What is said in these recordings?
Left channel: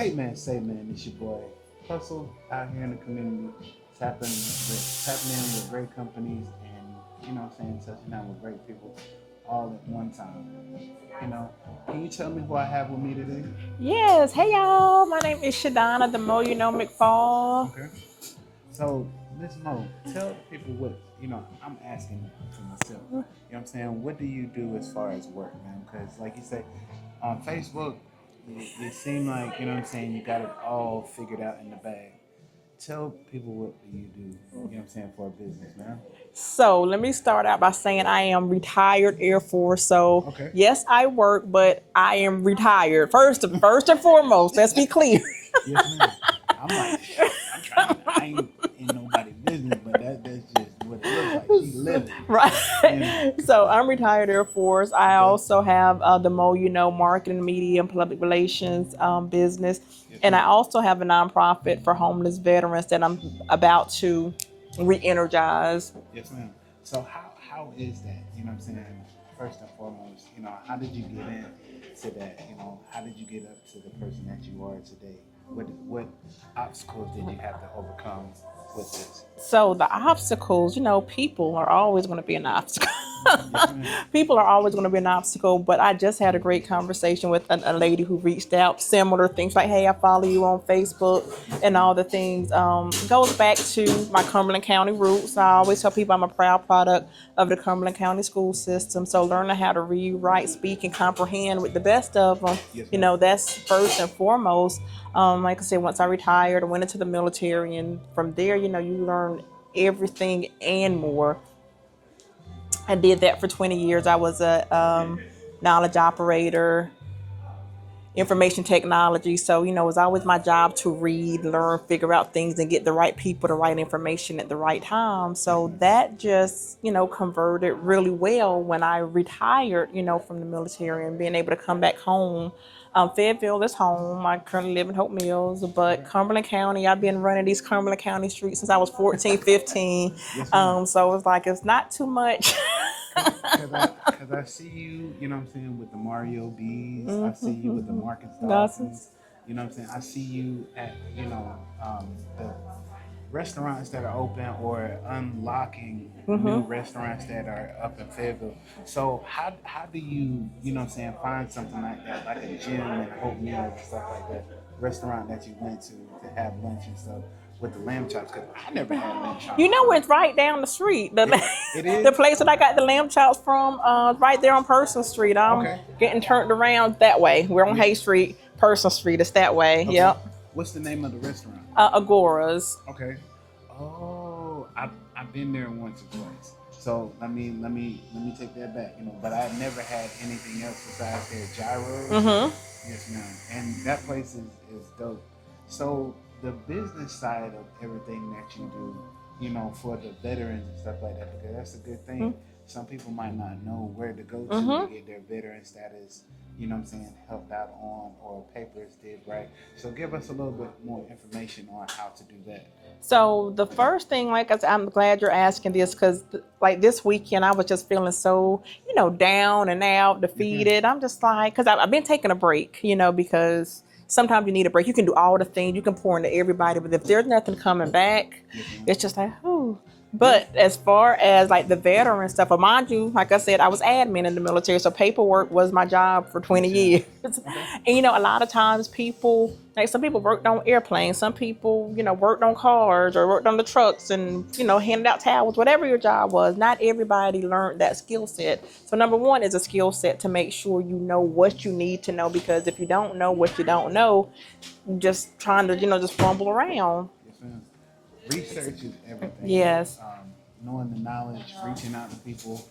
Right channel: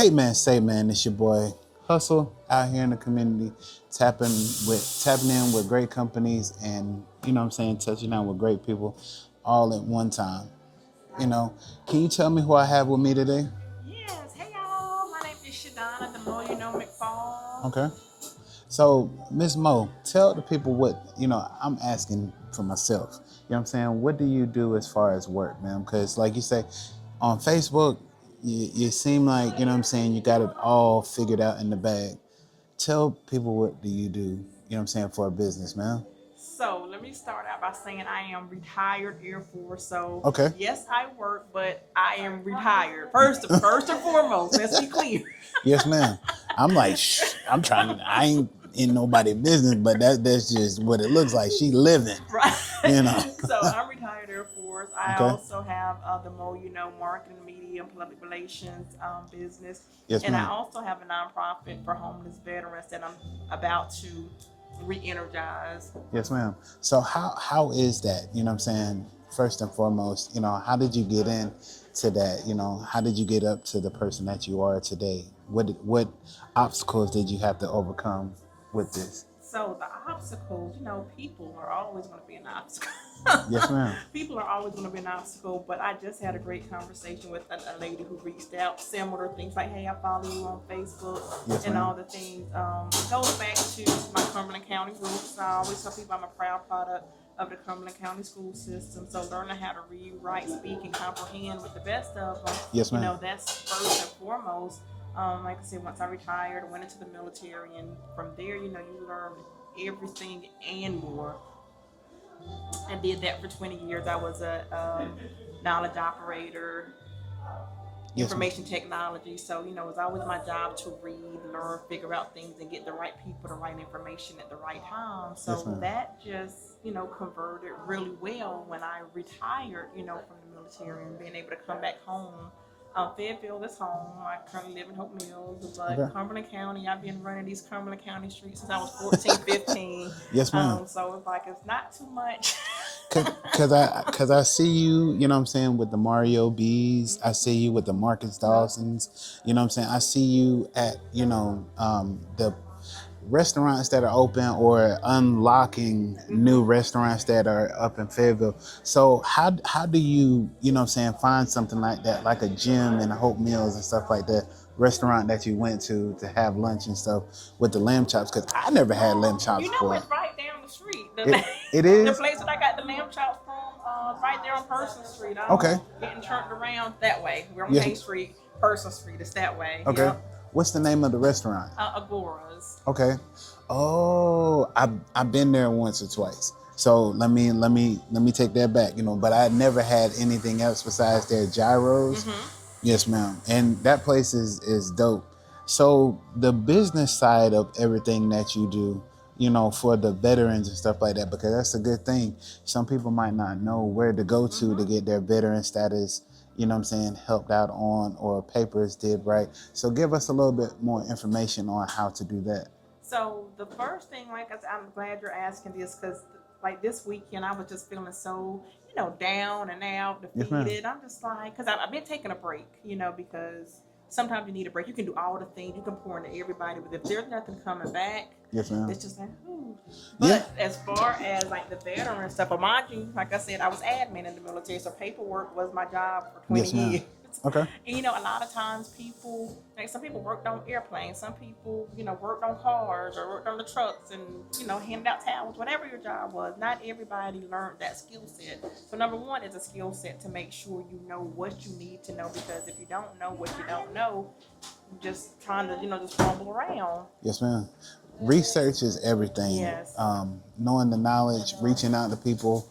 Hey man, say man, it's your boy Hustle out here in the community, tapping in with great companies and touching out with great people all at one time. Can you tell me who I have with me today? Yes. Hey, y'all. My name is ShaDONNA, the McPhAUL. Okay. So, Miss Mo, tell the people I'm asking for myself. You know what I'm saying? What do you do as far as work, man? Because, like you say, on Facebook, you seem like, you got it all figured out in the bag. Tell people what do you do, for a business, man? So let me start out by saying I am retired Air Force. So Okay. yes, I work, but I am retired. First and foremost, let's be clear. Yes, ma'am. I'm like, I ain't in nobody's business, but that's just what it looks like. She living, Right. you know. So I'm retired Air Force. I Okay. also have the marketing, media, and public relations business. Yes, And I ma'am. also have a nonprofit for homeless veterans that I'm about to re-energize. Yes, ma'am. So how is that? First and foremost, how did you get into that? How did you get up to the person that you are today? What obstacles did you have to overcome with this? So the obstacles, people are always going to be an obstacle. Yes, ma'am. People are always going to be an obstacle, but I just had a great conversation with a lady who reached out, similar things like, hey, I follow you on Facebook, Yes, and ma'am. all the things. Goes back to my Cumberland County roots. I always tell people I'm a proud product of the Cumberland County school system. So learning how to read, write, speak, and comprehend with the best of them, Yes, ma'am. that's first and foremost. Like I said, once I retired, I went into the military, and from there, you learn everything and more. I did that for 20 years. I was a knowledge operator, information technology. So, it was always my job to read, learn, figure out things, and get the right people, the right information at the right time. So Yes, that just, converted really well when I retired, from the military and being able to come back home. Fayetteville is home. I currently live in Hope Mills, but Okay. Cumberland County, I've been running these Cumberland County streets since I was 14, 15. Yes, ma'am. So it's like, it's not too much. Cause I see you, with the Mario B's. I see you with the Marcus Dawsons. I see you at, the restaurants that are open or unlocking new restaurants that are up in Fayetteville. So how do you, find something like that, like a gym and Hope Mills and stuff like that, restaurant that you went to have lunch and stuff with the lamb chops? Because I never had lamb chops before. It's right down the street. It is? The place that I got the lamb chops from, right there on Person Street. I'm Okay. getting turned around that way. We're on Yeah. Hay Street, Person Street. It's that way. Okay. Yep. What's the name of the restaurant? Agoras. Okay. Oh, I've been there once or twice. So let me take that back. But I never had anything else besides their gyros. Yes, ma'am. And that place is dope. So the business side of everything that you do, for the veterans and stuff like that, because that's a good thing. Some people might not know where to go to get their veteran status, helped out on, or papers did right. So give us a little bit more information on how to do that. So the first thing, like I said, I'm glad you're asking this, because like this weekend I was just feeling so, down and out, defeated. I'm just like, because I've been taking a break, because sometimes you need a break. You can do all the things, you can pour into everybody, but if there's nothing coming back, Yes, ma'am. it's just like, ooh. But as far as like the veteran stuff, but mind you, like I said, I was admin in the military, so paperwork was my job for 20 Yes, years. Okay. And a lot of times people, like some people worked on airplanes, some people, worked on cars or worked on the trucks and, handed out towels, whatever your job was. Not everybody learned that skill set. So number one is a skill set to make sure you know what you need to know, because if you don't know what you don't know, you're just trying to, just fumble around. Yes, ma'am. Research is everything. Yes. Knowing the knowledge, reaching out to people,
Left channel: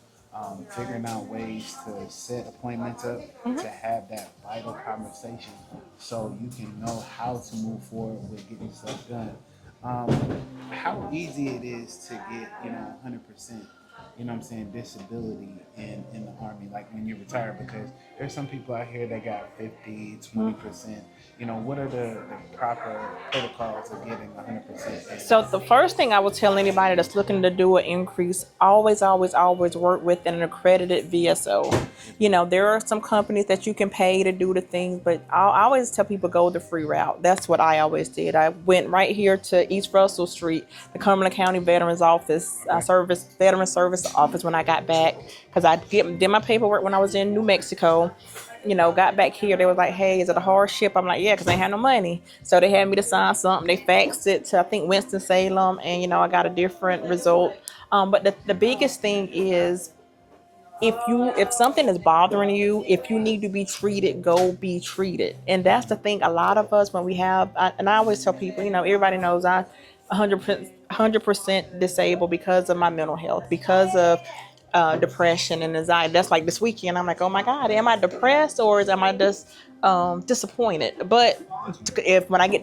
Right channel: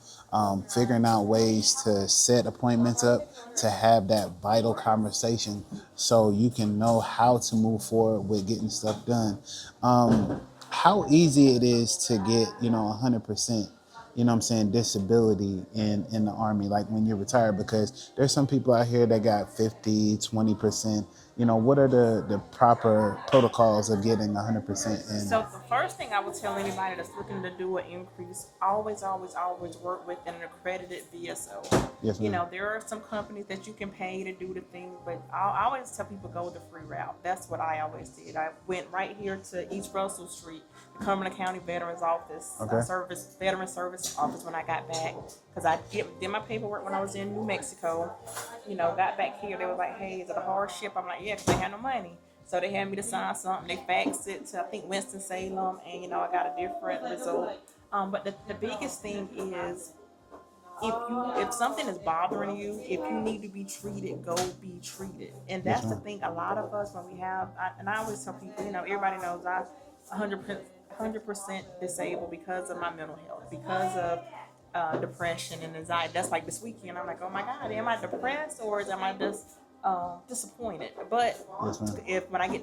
figuring out ways to set appointments up, to have that vital conversation so you can know how to move forward with getting stuff done. How easy it is to get, 100%, you know what I'm saying, disability in the Army, like when you're retired, because there's some people out here that got 50, 20%. You know, what are the proper protocols of getting 100% in? So the first thing I would tell anybody that's looking to do an increase, always, always, always work with an accredited VSO. Yes, You ma'am. know, there are some companies that you can pay to do the things, but I always tell people go the free route. That's what I always did. I went right here to East Russell Street, the Cumberland County Veterans Office, Okay. Veteran Service Office when I got back, because I did my paperwork when I was in New Mexico. You know, got back here, they was like, hey, is it a hardship? I'm like, yeah, because I ain't had no money. So they had me to sign something. They faxed it to, I think, Winston-Salem, and, you know, I got a different result. But the biggest thing is, if something is bothering you, if you need to be treated, go be treated. And that's the thing. A lot of us, when we have, and I always tell people, you know, everybody knows I 100% disabled because of my mental health, because of depression and anxiety. That's like this weekend. I'm like, oh my God, am I depressed or am I just disappointed? But if when I get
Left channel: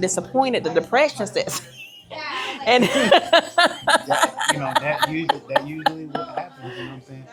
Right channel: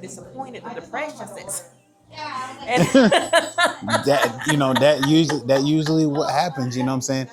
disappointed, the depression sets. And that usually what happens, you know what I'm saying?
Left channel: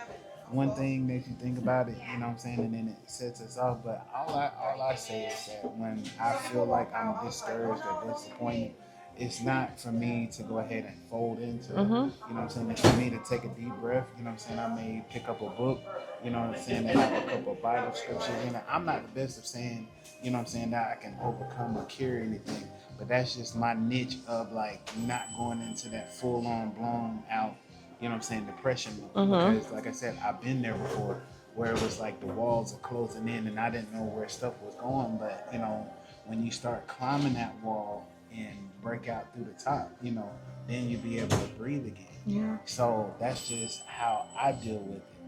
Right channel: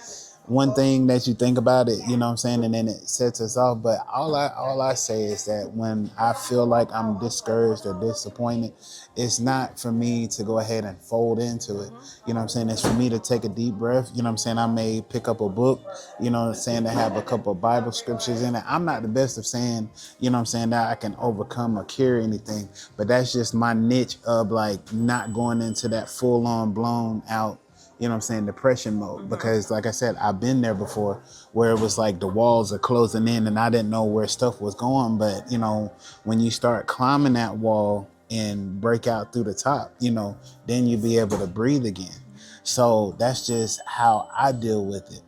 One thing that you think about it, you know what I'm saying, and then it sets us off. But all I say is that when I feel like I'm discouraged or disappointed, it's not for me to go ahead and fold into it. You know what I'm saying? It's for me to take a deep breath. You know what I'm saying? I may pick up a book, you know what I'm saying, that have a couple of Bible scriptures in it. I'm not the best of saying, you know what I'm saying, that I can overcome or cure anything, but that's just my niche of like not going into that full on blown out, you know what I'm saying, depression mode. Because like I said, I've been there before where it was like the walls are closing in and I didn't know where stuff was going. But, you know, when you start climbing that wall and break out through the top, you know, then you'll be able to breathe again. So that's just how I deal with it,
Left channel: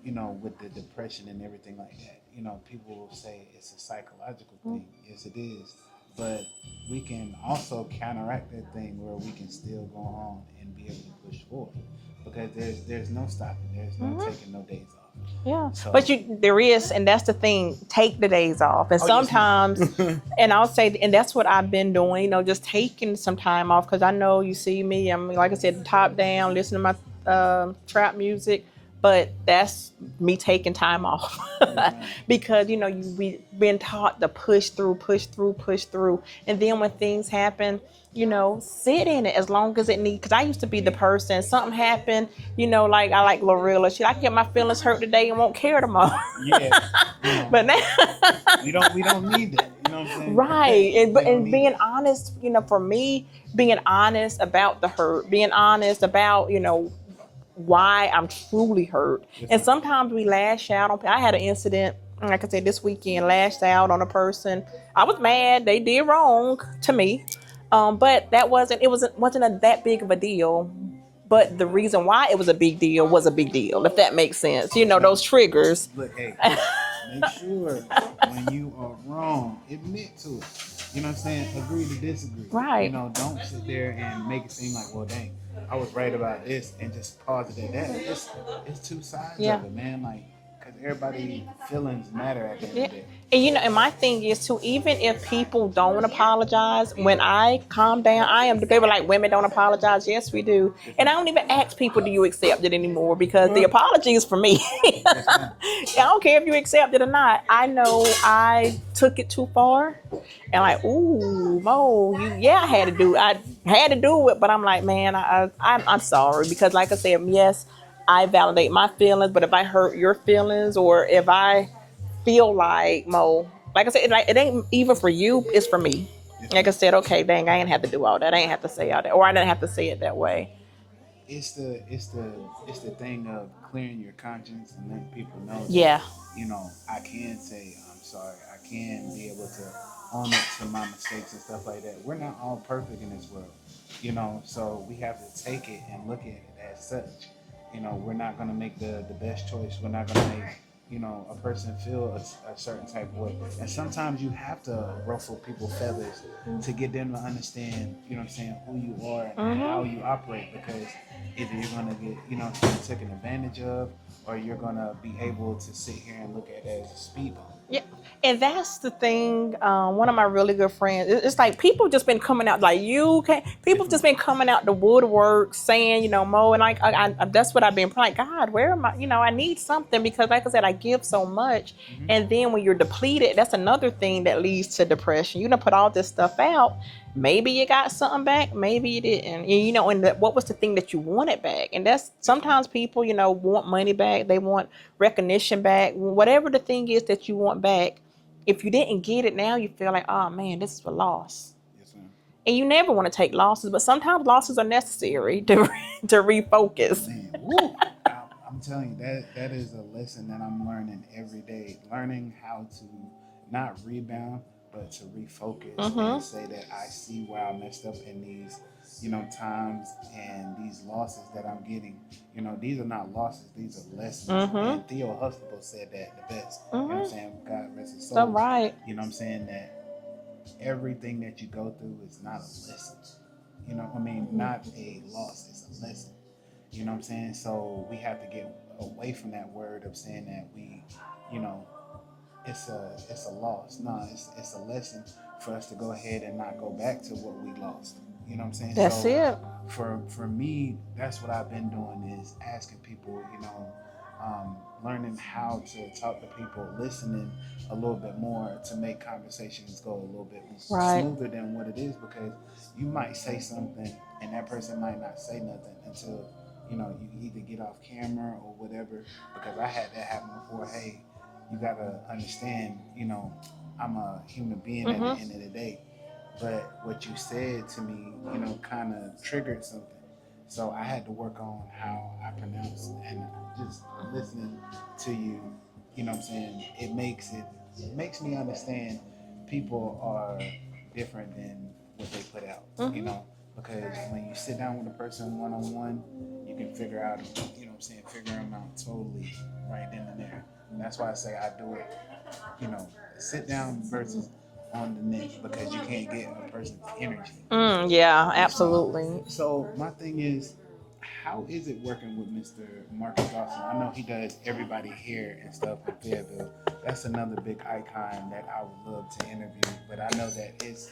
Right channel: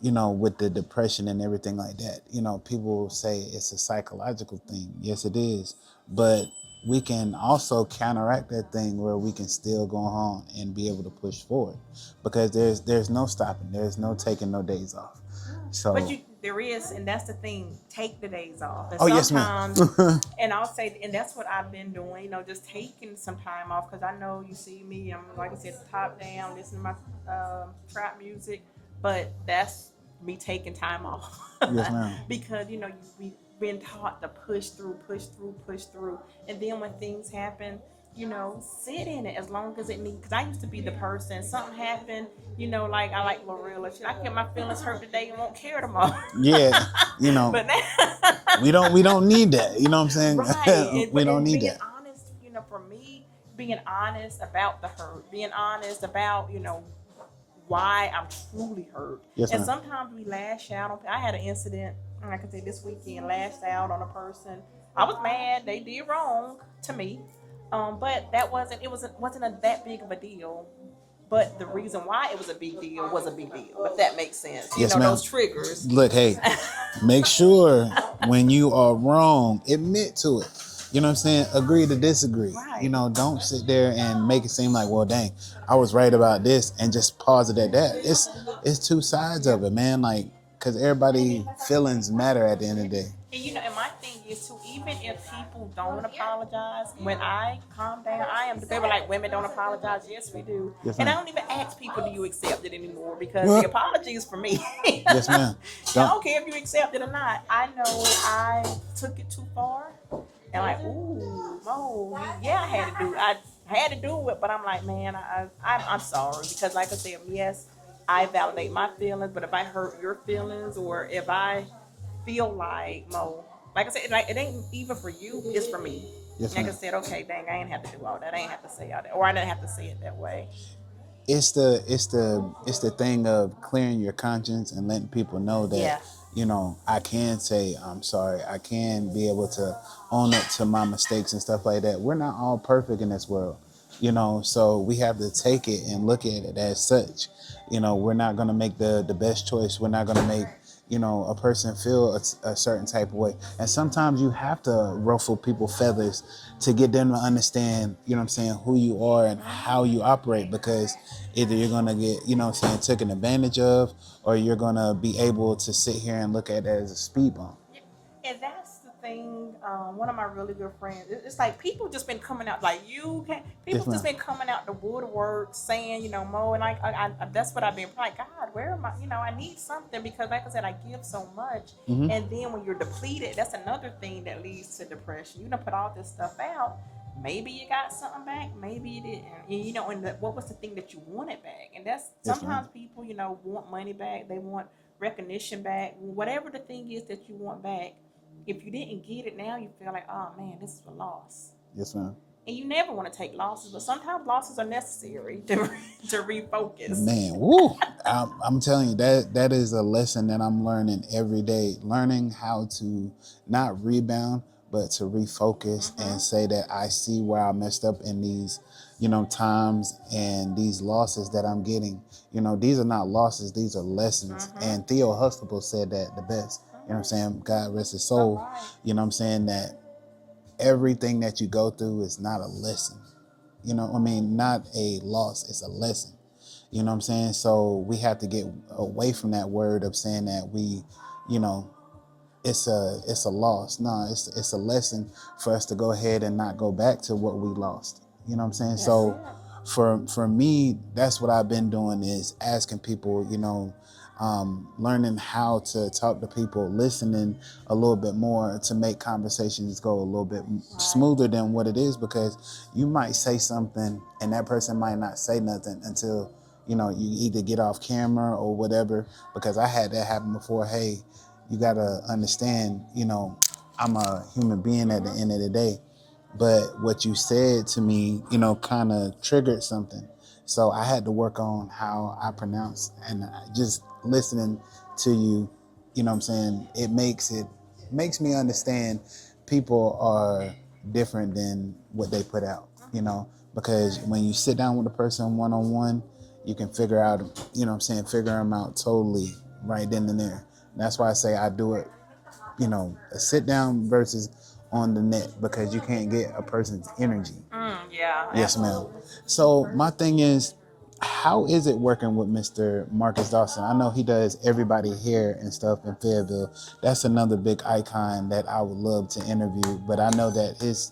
you know, with the depression and everything like that. You know, people will say it's a psychological thing. Yes, it is. But we can also counteract that thing where we can still go on and be able to push forward, because there's no stopping. There's no taking no days off. yeah, So, but there is, and that's the thing. Take the days off, and yes, ma'am. sometimes, and I'll say, and that's what I've been doing. You know, just taking some time off, because I know you see me. I'm, like I said, top down, listening to my trap music, but that's me taking time off. ma'am. Because, you know, we've been taught to push through, and then when things happen, you know, sit in it as long as it needs. Because I used to be the person, something happened, you know, like I like Glorilla. I get my feelings hurt today and won't care tomorrow. Yeah, you know, But now, we don't need that. You know what I'm saying? right. We don't And need being that. honest, you know, for me, being honest about the hurt, being honest about, you know, why I'm truly hurt. Yes, and ma'am. sometimes we lash out on. I had an incident, like I said, this weekend, lashed out on a person. I was mad. They did wrong to me. But that wasn't that big of a deal. But the reason why it was a big deal was a big deal, if that makes sense. You Yes, know, ma'am. those triggers. Look, hey, make sure when you are wrong, admit to it. You know what I'm saying? Agree to disagree. Right. You know, don't sit there and make it seem like, well, dang, I was right about this, and just pause it at that. It's two sides of it, man. Like, because everybody feelings matter at the end of the day. And you know, and my thing is too, even if people don't apologize, when I calm down, they were like, women don't apologize. Yes, we do. Yes, and I ma'am. don't even ask people, do you accept it anymore? Because the apology is for me. Yes, ma'am. I don't care if you accept it or not. I know I took it too far. And like, ooh, Mo, I had to do it. But I'm like, man, I'm sorry. Because like I said, yes, I validate my feelings. But if I hurt your feelings, or if I feel like, Mo, like I said, it ain't even for you, it's for me. Yes, like I ma'am. said, okay, dang, I ain't have to do all that. I ain't have to say all that. Or I didn't have to say it that way. It's the thing of clearing your conscience and letting people know that, Yeah. you know, I can say I'm sorry. I can be able to own up to my mistakes and stuff like that. We're not all perfect in this world, you know, so we have to take it and look at it as such. You know, we're not going to make the best choice. We're not going to make, you know, a person feel a certain type of way. And sometimes you have to ruffle people's feathers to get them to understand, you know what I'm saying, who you are and how you operate, because either you're going to get, you know what I'm saying, taken advantage of, or you're going to be able to sit here and look at it as a speed bump. Yeah. And that's the thing. One of my really good friends, it's like people just been coming out like you can. People just been coming out the woodwork saying, you know, Mo, and like that's what I've been like. God, where am I? You know, I need something because, like I said, I give so much, and then when you're depleted, that's another thing that leads to depression. You done put all this stuff out. Maybe you got something back, maybe you didn't. And, you know, and what was the thing that you wanted back? And that's sometimes people, you know, want money back. They want recognition back. Whatever the thing is that you want back. If you didn't get it now, you feel like, oh man, this is a loss. Yes, ma'am. And you never want to take losses, but sometimes losses are necessary to refocus. Man, woo! I'm telling you, that is a lesson that I'm learning every day. Learning how to not rebound, but to refocus and say that I see where I messed up in these, you know, times and these losses that I'm getting. You know, these are not losses, these are lessons. And Theo Huxtable said that the best. You know what I'm saying? God rest his soul. Right. You know what I'm saying? That everything that you go through is not a lesson. You know, I mean, not a loss, it's a lesson. You know what I'm saying? So we have to get away from that word of saying that we, you know, it's a loss. No, it's a lesson for us to go ahead and not go back to what we lost. You know what I'm saying? That's so it. For me, that's what I've been doing is asking people, you know, learning how to talk to people, listening a little bit more to make conversations go a little bit smoother than what it is, because you might say something and that person might not say nothing until, you know, you either get off camera or whatever, because I had that happen before. Hey, you got to understand, you know, I'm a human being at the end of the day. But what you said to me, you know, kind of triggered something. So I had to work on how I pronounce, and just listening to you, you know what I'm saying, it makes me understand people are different than what they put out, you know, because when you sit down with a person one-on-one, you can figure out, you know what I'm saying, figure them out totally right then and there. And that's why I say I do it, you know, a sit down versus on the net, because you can't get a person's energy. Yeah, yes, absolutely. Ma'am. So my thing is, how is it working with Mr. Marcus Dawson? I know he does everybody here and stuff in Fayetteville. That's another big icon that I would love to interview, but I know that his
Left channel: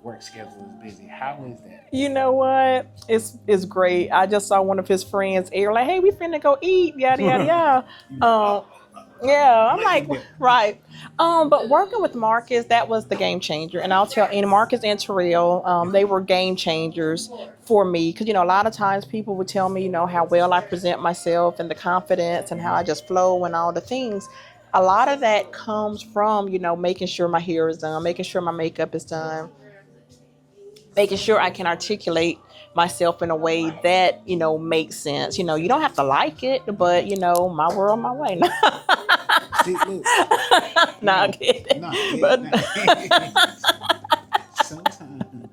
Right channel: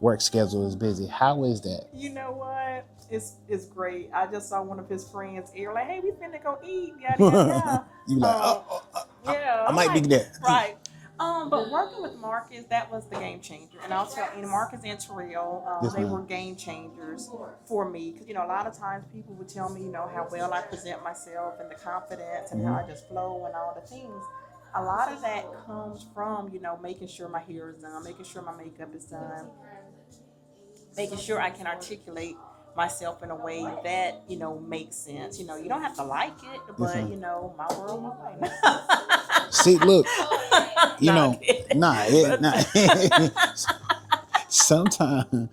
work schedule is busy. How is that? You know what? It's great. I just saw one of his friends air like, "Hey, we finna go eat." Yada yada yada. You like, yeah, I'm like that. Right. But working with Marcus, that was the game changer. And I'll tell, and Marcus and Terrell, they were game changers for me. Because, you know, a lot of times people would tell me, you know, how well I present myself and the confidence and how I just flow and all the things. A lot of that comes from, you know, making sure my hair is done, making sure my makeup is done, making sure I can articulate myself in a way that, you know, makes sense. You know, you don't have to like it, but, you know, my world, my way. See, look, you know, sometimes,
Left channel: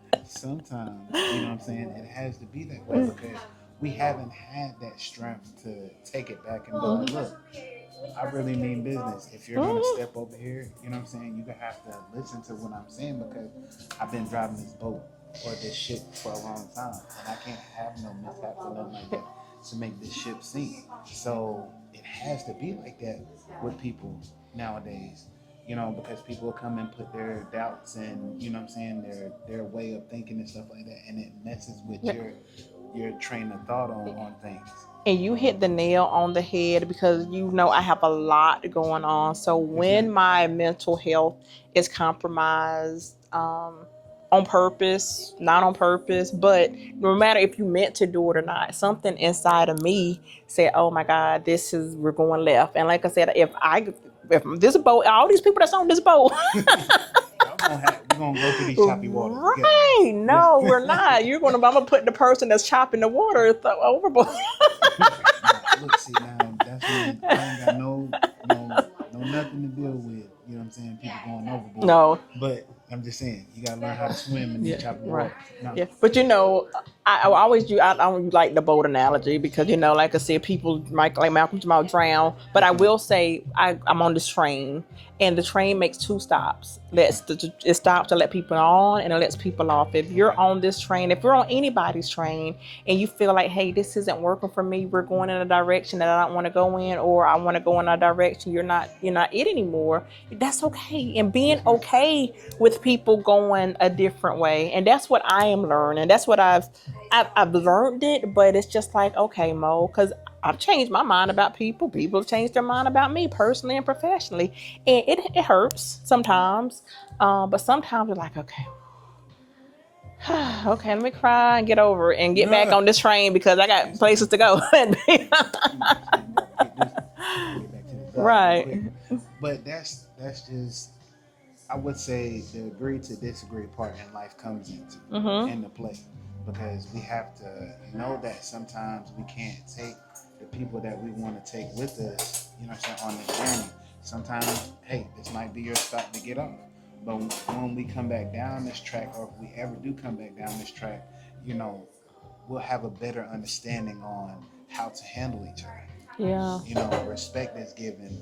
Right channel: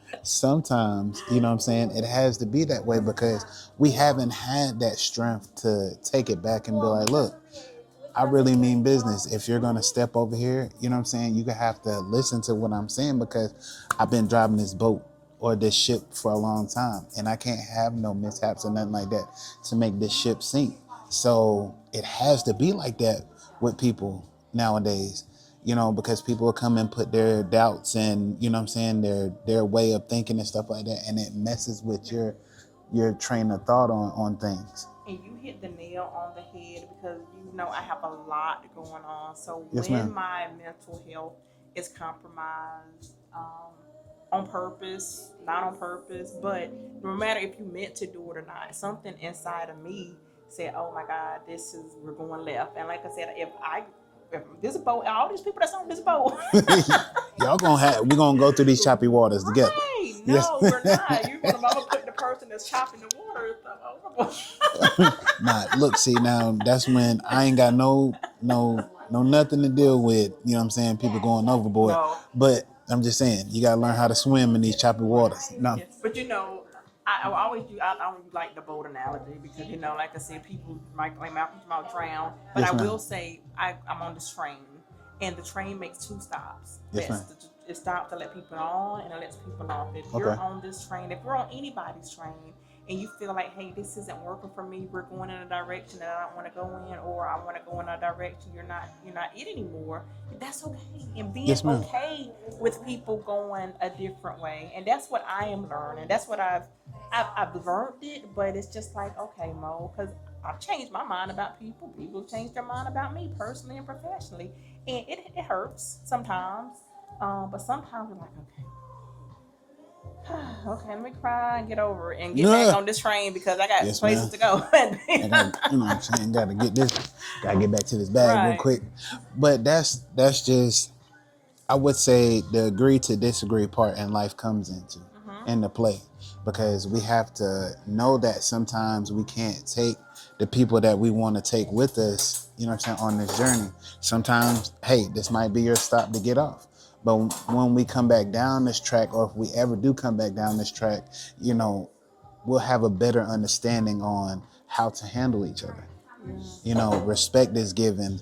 you know what I'm saying, it has to be that way because we haven't had that strength to take it back and be like, look, I really mean business. If you're going to step over here, you know what I'm saying, you're going to have to listen to what I'm saying, because I've been driving this boat or this ship for a long time, and I can't have no mishaps or nothing like that to make this ship sink. So it has to be like that with people nowadays, you know, because people will come and put their doubts and, you know what I'm saying, their way of thinking and stuff like that, and it messes with your train of thought on things. And you hit the nail on the head, because, you know, I have a lot going on. So when my mental health is compromised, on purpose, not on purpose, but no matter if you meant to do it or not, something inside of me said, oh my God, we're going left. And like I said, if this boat, all these people that's on this boat, we're gonna go through these choppy waters together. Right? No, we're not. I'm gonna put the person that's chopping the water overboard. Nah, look, see, now that's when I ain't got no nothing to deal with. You know what I'm saying? People going overboard. No, but I'm just saying, you gotta learn how to swim in these choppy waters. No. Yeah. But you know, I always do. I don't like the boat analogy because like I said, people like Malcolm Jamal drown. But Yes, I ma'am. will say I'm on this train, and the train makes two stops. Yes, It stops to let people on, and it lets people off. If you're Okay. on this train, if you're on anybody's train, and you feel like, hey, this isn't working for me, we're going in a direction that I don't want to go in, or I want to go in a direction you're not it anymore. That's okay, and being Yes, ma'am. okay with people going a different way, and that's what I am learning. That's what I've learned it, but it's just like, okay, Mo, because I've changed my mind about people. People have changed their mind about me personally and professionally. And it hurts sometimes. But sometimes you're like, okay, okay, let me cry and get over it and get back on this train because I got places to go. Gotta, what I'm saying? Gotta get back to this bag real quick. But that's just, I would say, the agree to disagree part in life comes into play, because we have to know that sometimes we can't take the people that we want to take with us, on this journey. Sometimes, hey, this might be your stop to get off. But when we come back down this track, or if we ever do come back down this track, we'll have a better understanding on how to handle each other. Yeah. Respect is given.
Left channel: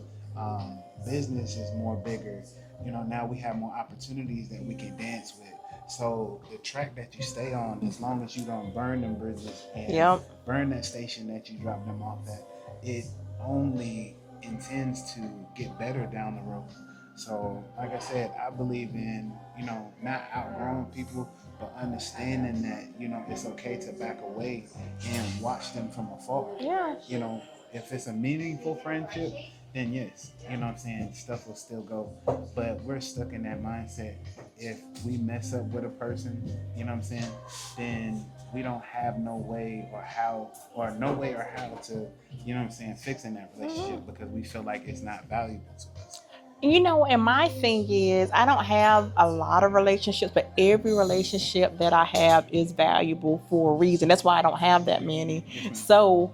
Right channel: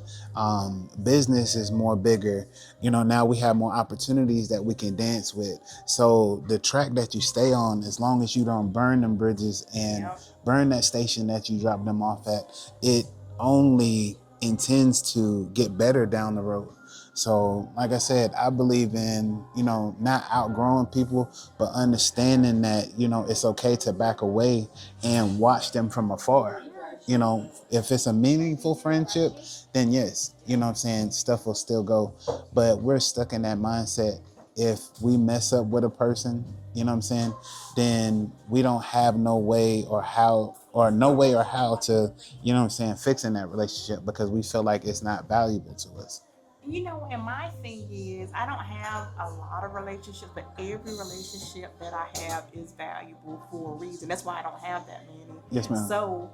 Business is more bigger. Now we have more opportunities that we can dance with. So the track that you stay on, as long as you don't burn them bridges and burn that station that you drop them off at, it only intends to get better down the road. So, like I said, I believe in, not outgrowing people, but understanding that, it's okay to back away and watch them from afar. Yeah. If it's a meaningful friendship, then yes, stuff will still go. But we're stuck in that mindset. If we mess up with a person, then we don't have no way or how to, fixing that relationship, because we feel like it's not valuable to us. And my thing is, I don't have a lot of relationships, but every relationship that I have is valuable for a reason. That's why I don't have that many. Yes, ma'am. So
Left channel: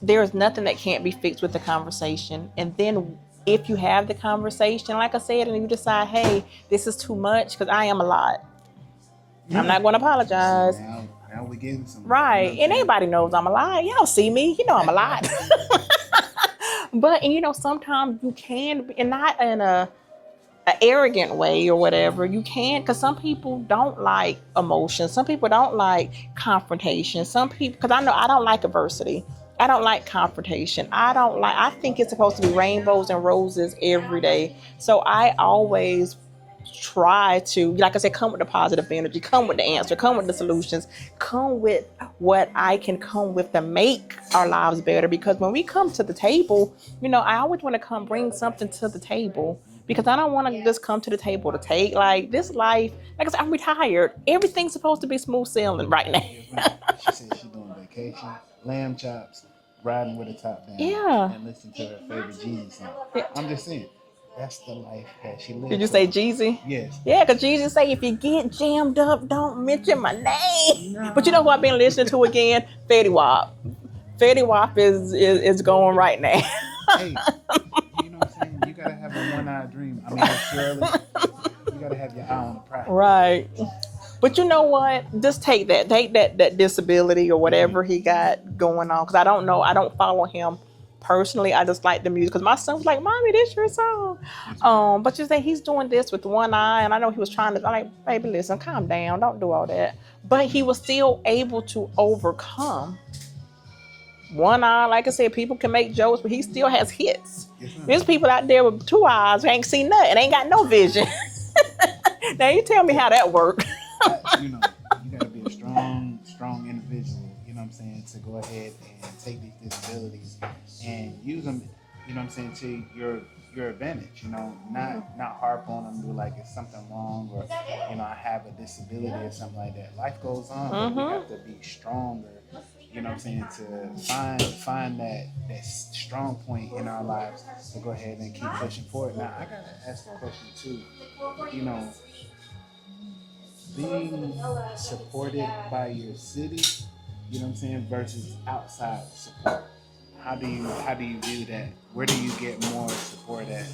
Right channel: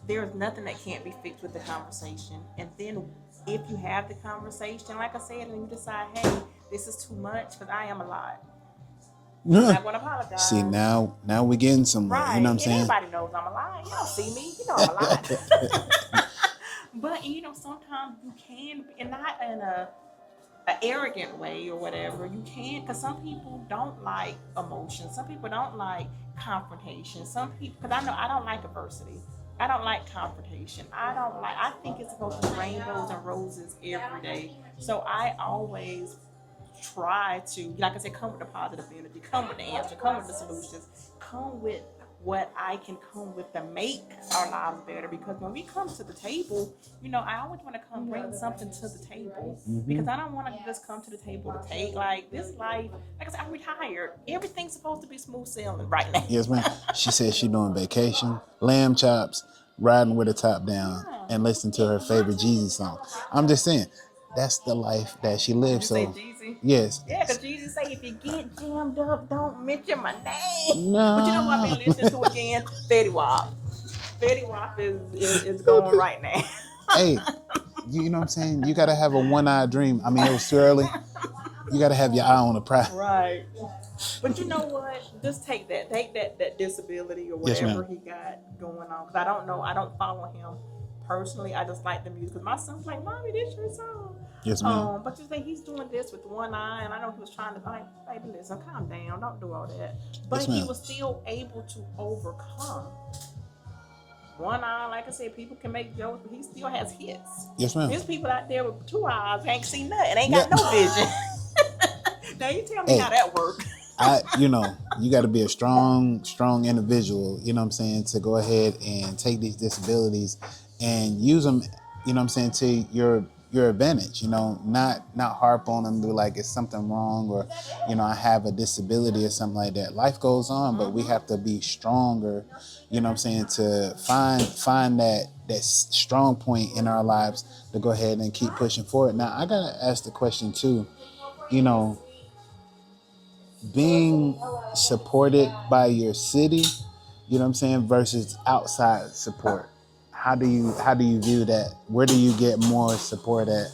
there's nothing that can't be fixed with the conversation. And then if you have the conversation, like I said, and you decide, hey, this is too much, because I am a lot. I'm not going to apologize. See, now we're getting somewhere. Right. And everybody knows I'm a lot. Y'all see me. I'm a lot. But, sometimes you can, and not in a arrogant way or whatever, you can, because some people don't like emotion. Some people don't like confrontation. Some people, because I know I don't like adversity. I don't like confrontation. I think it's supposed to be rainbows and roses every day. So I always try to, like I said, come with the positive energy, come with the answer, come with the solutions, come with what I can come with to make our lives better. Because when we come to the table, I always want to bring something to the table, because I don't want to just come to the table to take. Like, this life, like I said, I'm retired. Everything's supposed to be smooth sailing right now. Yes, ma'am. She said she doing vacation, lamb chops, riding with the top down, and listening to her favorite Jeezy song. I'm just saying, that's the life that she lives. Did you say Jeezy? Yes. Yeah, because Jeezy say, if you get jammed up, don't mention my name. No. But you know what I've been listening to again? Fetty Wap. Fetty Wap is going right now. Hey, you know what I'm saying? You got to have a one-eyed dream. I mean, it's too early. You got to have your eye on the prize. Right. But you know what? Just take that disability or whatever he got going on. Because I don't know. I don't follow him personally. I just like the music. Because my son was like, Mommy, this your song. Yes, ma'am. But you say he's doing this with one eye. And I know he was trying to, I'm like, baby, listen, calm down. Don't do all that. But he was still able to overcome. One eye, like I said, people can make jokes, but he still has hits. Yes, ma'am. There's people out there with two eyes who ain't seen nothing, ain't got no vision. Now you tell me how that works. You got to be a strong individual, to go ahead and take these disabilities and use them, to your advantage, not harp on them, do like it's something wrong, or, I have a disability or something like that. Life goes on, but we have to be stronger, to find that strong point in our lives to go ahead and keep pushing forward. Now, I got to ask the question too, being supported by your city, versus outside support. How do you view that? Where do you get more support at?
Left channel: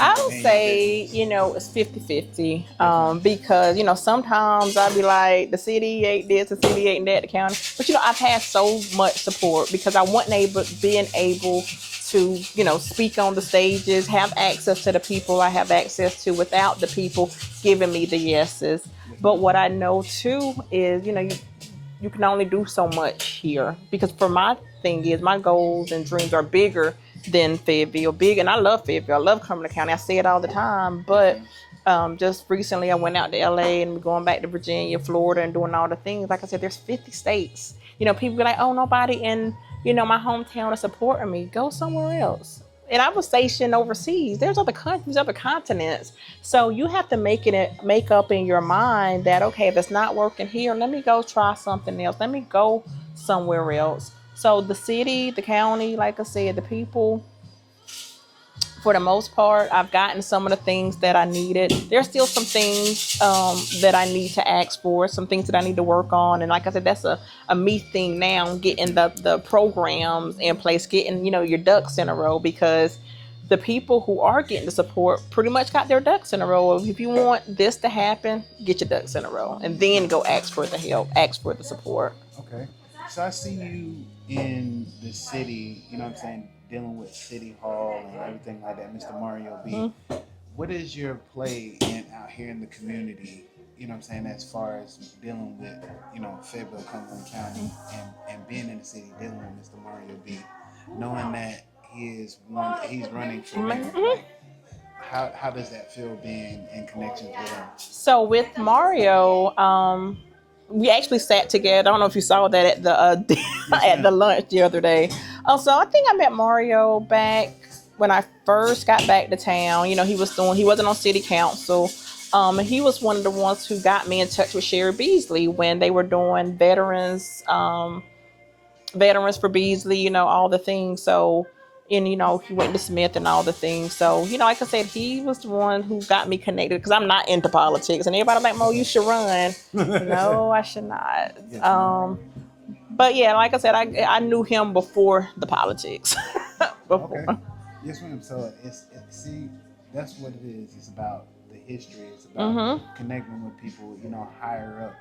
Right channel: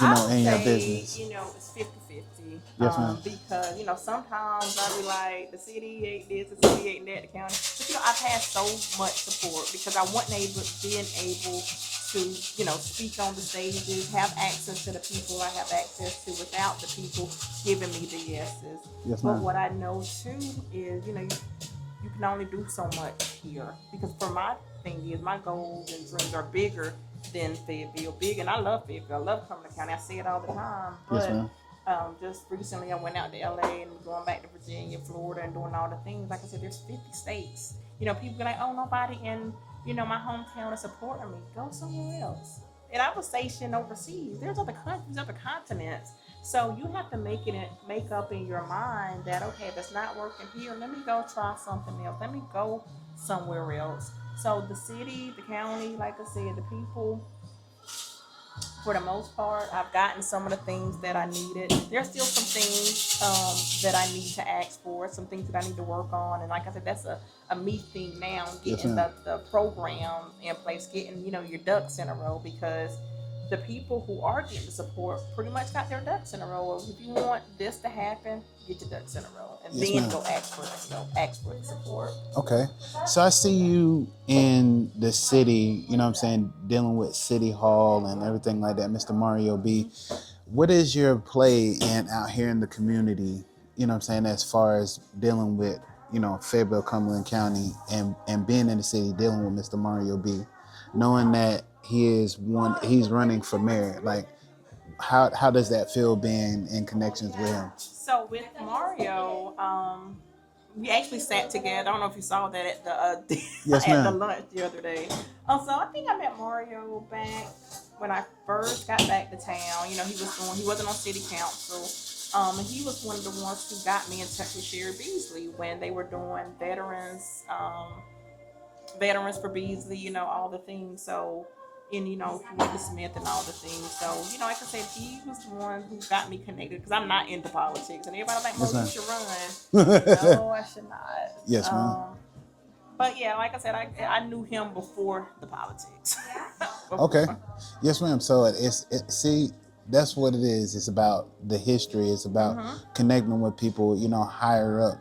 I would in your say, business? it's 50-50. Yes, ma'am. Because, sometimes I'd be like, the city ain't this, the city ain't that, the county. But, I've had so much support because I wasn't being able to, speak on the stages, have access to the people I have access to without the people giving me the yeses. Yes, But ma'am. what I know too is, you can only do so much here because for my thing is my goals and dreams are bigger than Fayetteville. Big, and I love Fayetteville. I love coming to county. I say it all the time. Yes, But ma'am. just recently, I went out to LA and going back to Virginia, Florida, and doing all the things. Like I said, there's 50 states. People be like, "Oh, nobody in my hometown is supporting me." Go somewhere else. And I was stationed overseas. There's other countries, other continents. So you have to make up in your mind that, okay, if it's not working here, let me go try something else. Let me go somewhere else. So the city, the county, like I said, the people, for the most part, I've gotten some of the things that I needed. There's still some things that I need to ask for, some things that I need to work on. And like I said, that's a me thing now, getting the programs in place, getting, your ducks in a row, because the people who are getting the support pretty much got their ducks in a row. If you want this to happen, get your ducks in a row and then go ask for the help, ask for the support. Okay. So I see you in the city, dealing with City Hall and everything like that, Mr. Mario B. Mm-hmm. What is your play out here in the community, as far as dealing with, Fayetteville, Cumberland County and being in the city, dealing with Mr. Mario B, knowing that he's running for mayor, like how does that feel being in connections with him? So with Mario, we actually sat together. I don't know if you saw that at the Yes, at the ma'am. lunch the other day. So I think I met Mario back when I first got back to town. He wasn't on city council. He was one of the ones who got me in touch with Sherry Beasley when they were doing veterans for Beasley, all the things. So, and he went to Smith and all the things. So, like I said, he was the one who got me connected because I'm not into politics. And everybody like, Mo, you should run. No, I should not. Yes, ma'am. But yeah, like I said, I knew him before the politics. Okay. Yes, ma'am. So see, that's what it is. It's about the history. It's about connecting with people, higher up,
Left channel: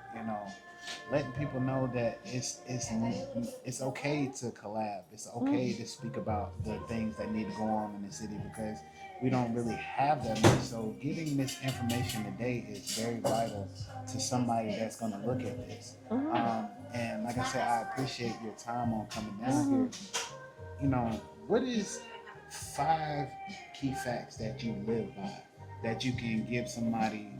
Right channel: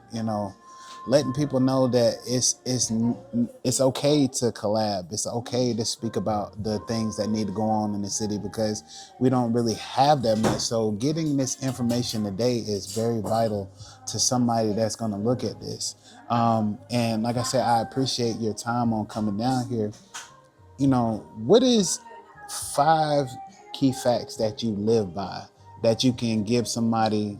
letting people know that it's okay to collab. It's okay to speak about the things that need to go on in the city because we don't really have that much. So getting this information today is very vital to somebody that's going to look at this. And like I said, I appreciate your time on coming down here. What is 5 key facts that you live by that you can give somebody,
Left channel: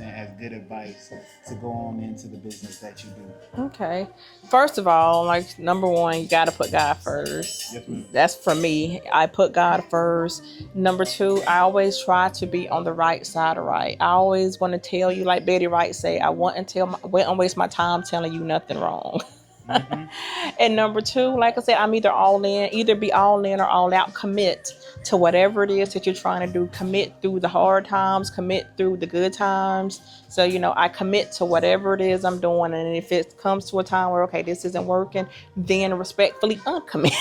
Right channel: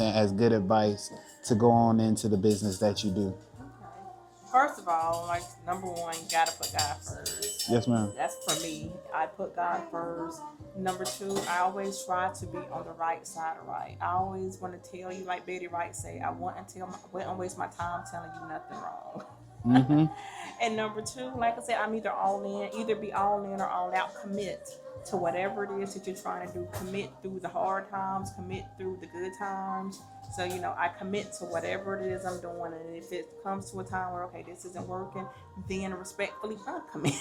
as good advice to go on into the business that you do? Okay. First of all, like number 1, you got to put God first. Yes, ma'am. That's for me. I put God first. Number 2, I always try to be on the right side of right. I always want to tell you, like Betty Wright say, I won't waste my time telling you nothing wrong. And number 2, like I said, I'm either be all in or all out. Commit to whatever it is that you're trying to do. Commit through the hard times, commit through the good times. So, I commit to whatever it is I'm doing. And if it comes to a time where, okay, this isn't working, then respectfully uncommit.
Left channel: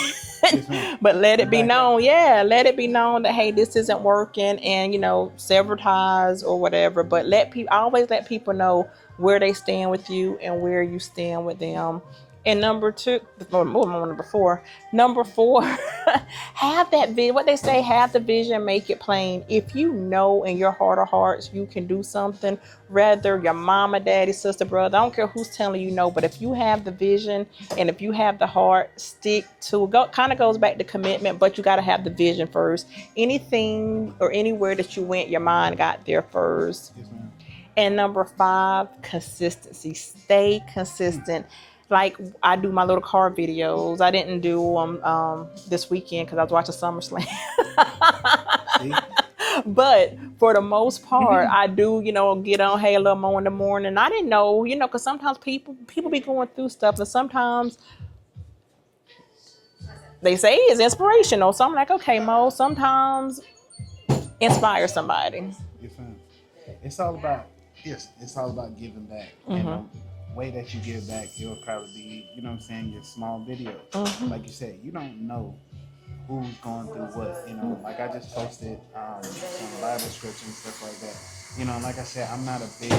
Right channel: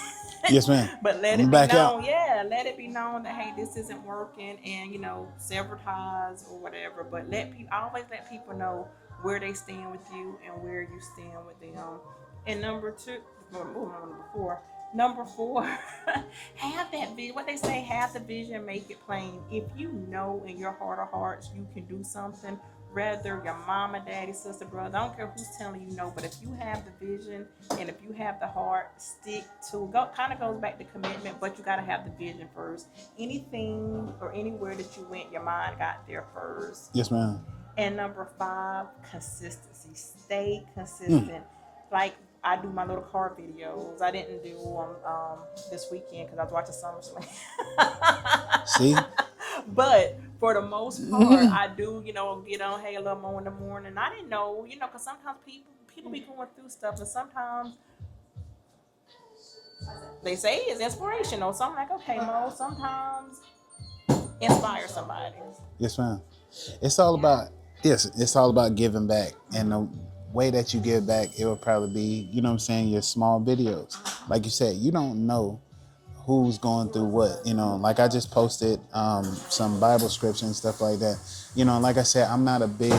Yes, ma'am. But let it be known. Yeah, let it be known that, hey, this isn't working, and, sever ties or whatever. But always let people know where they stand with you and where you stand with them. And number 4, have that vision. What they say, have the vision, make it plain. If you know in your heart of hearts you can do something, whether your mama, daddy, sister, brother, I don't care who's telling you no, but if you have the vision and if you have the heart, stick to it. Kind of goes back to commitment, but you got to have the vision first. Anything or anywhere that you went, your mind got there first. Yes, ma'am. And number 5, consistency. Stay consistent. Like I do my little car videos. I didn't do them this weekend because I was watching SummerSlam. See? But for the most part, I do, get on, hey, a little more in the morning. I didn't know, because sometimes people be going through stuff, and sometimes they say it's inspirational. So I'm like, okay, Mo, sometimes inspire somebody. Yes, ma'am. It's all about giving back. And the way that you give back, it will probably be, your small videos. Like you said, you don't know who's going through what. Like I just posted some Bible scripture and stuff like that. Like I said, I'm not a big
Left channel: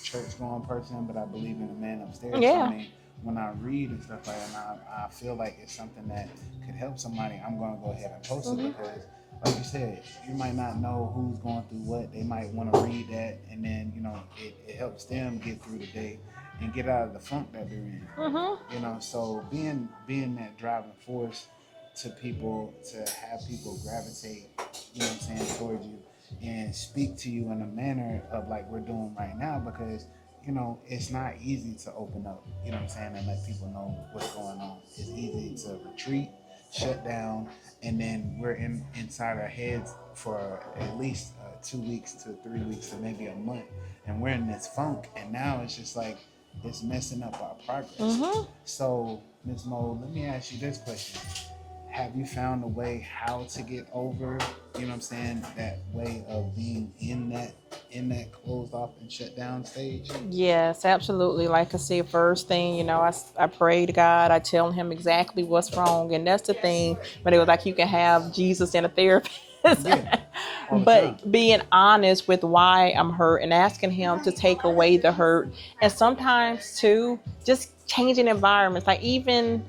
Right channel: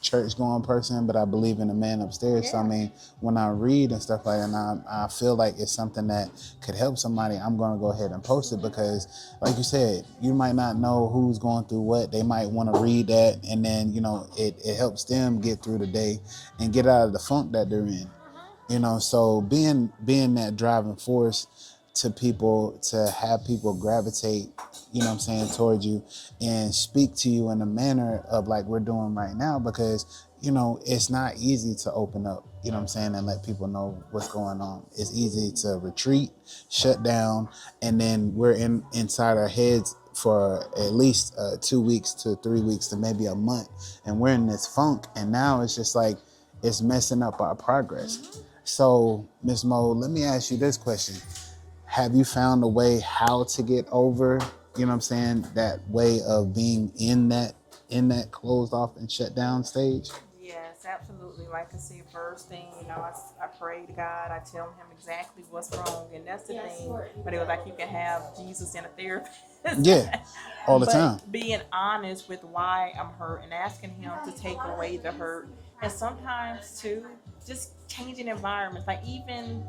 church going person, but I believe in the man upstairs. So I Yeah. mean, when I read and stuff like that, and I feel like it's something that could help somebody, I'm going to go ahead and post it because, like you said, you might not know who's going through what. They might want to read that, and then it helps them get through the day and get out of the funk that they're in. So being that driving force to people, to have people gravitate, towards you and speak to you in a manner of like we're doing right now, because it's not easy to open up, and let people know what's going on. It's easy to retreat, shut down, and then we're inside our heads for at least 2 weeks to 3 weeks to maybe a month, and we're in this funk, and now it's just like it's messing up our progress. So, Miss Mo, let me ask you this question. Have you found a way how to get over, that way of being in that closed off and shut down stage? Yes, absolutely. Like I said, first thing, I pray to God. I tell him exactly what's wrong. And that's the thing. But it was like you can have Jesus and a therapist. Yeah, all the time. But being honest with why I'm hurt and asking him to take away the hurt. And sometimes, too, just changing environments. Like even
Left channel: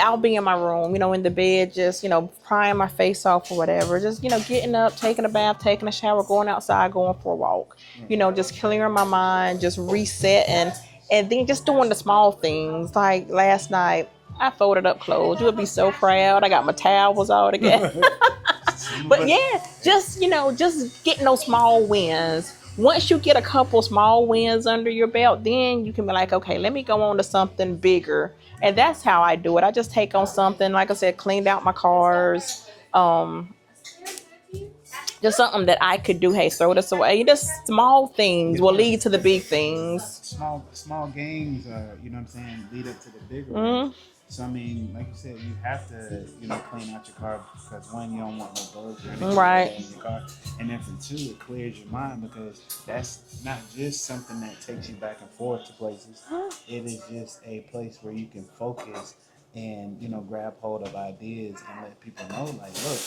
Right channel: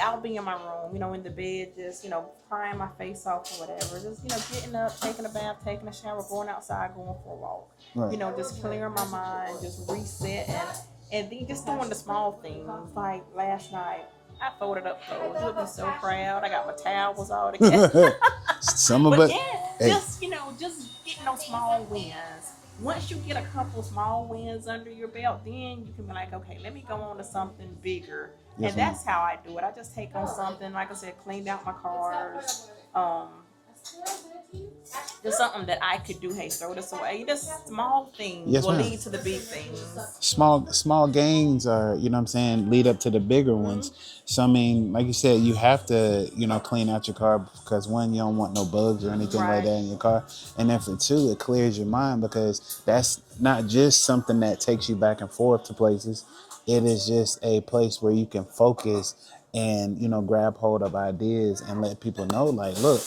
I'll be in my room, in the bed, just, crying my face off or whatever. Just, getting up, taking a bath, taking a shower, going outside, going for a walk. Right. Just clearing my mind, just resetting. And then just doing the small things. Like last night, I folded up clothes. You would be so proud. I got my towels all together. Some of But it. yeah, Hey. just getting those small wins. Once you get a couple small wins under your belt, then you can be like, okay, let me go on to something bigger. Yes, And that's how I do it. I just take on something, like I said, cleaned out my cars. Just something that I could do. Hey, throw this away. Just small things Yes, will ma'am. lead to the big things. Small gains are, lead up to the bigger ones. So I mean, like you said, you have to, clean out your car because one, you don't want no bugs or anything like that in your car. And then for two, it clears your mind because that's not just something that takes you back and forth to places. It is just a place where you can focus and, grab hold of ideas and let people know, like, look,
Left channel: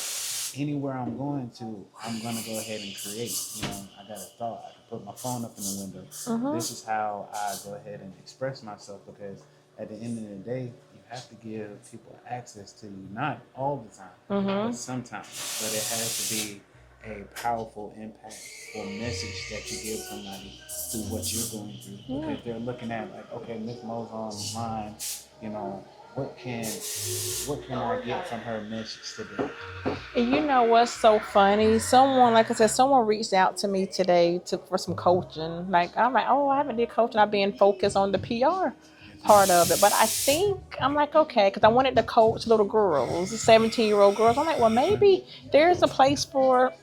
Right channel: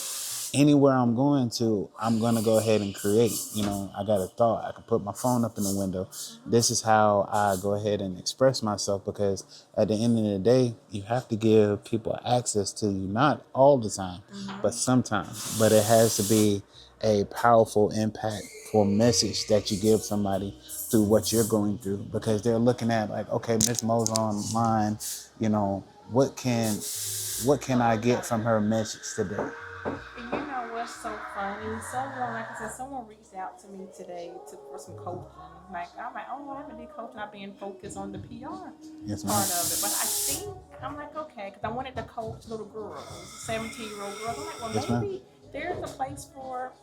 anywhere I'm going to, I'm going to go ahead and create. I got a thought. I can put my phone up in the window. This is how I go ahead and express myself, because at the end of the day, you have to give people access to you, not all the time, but sometimes. But it has to be a powerful, impactful message that you give somebody through what you're going through, because they're looking at like, okay, Miss Mo's online, what can I get from her message today? And you know what's so funny? Someone, like I said, someone reached out to me today for some coaching. Like I'm like, oh, I haven't did coaching. I've been focused on the PR part of it. But I think I'm like, okay, because I wanted to coach little girls, 17-year-old girls. I'm like, well, maybe there's a place for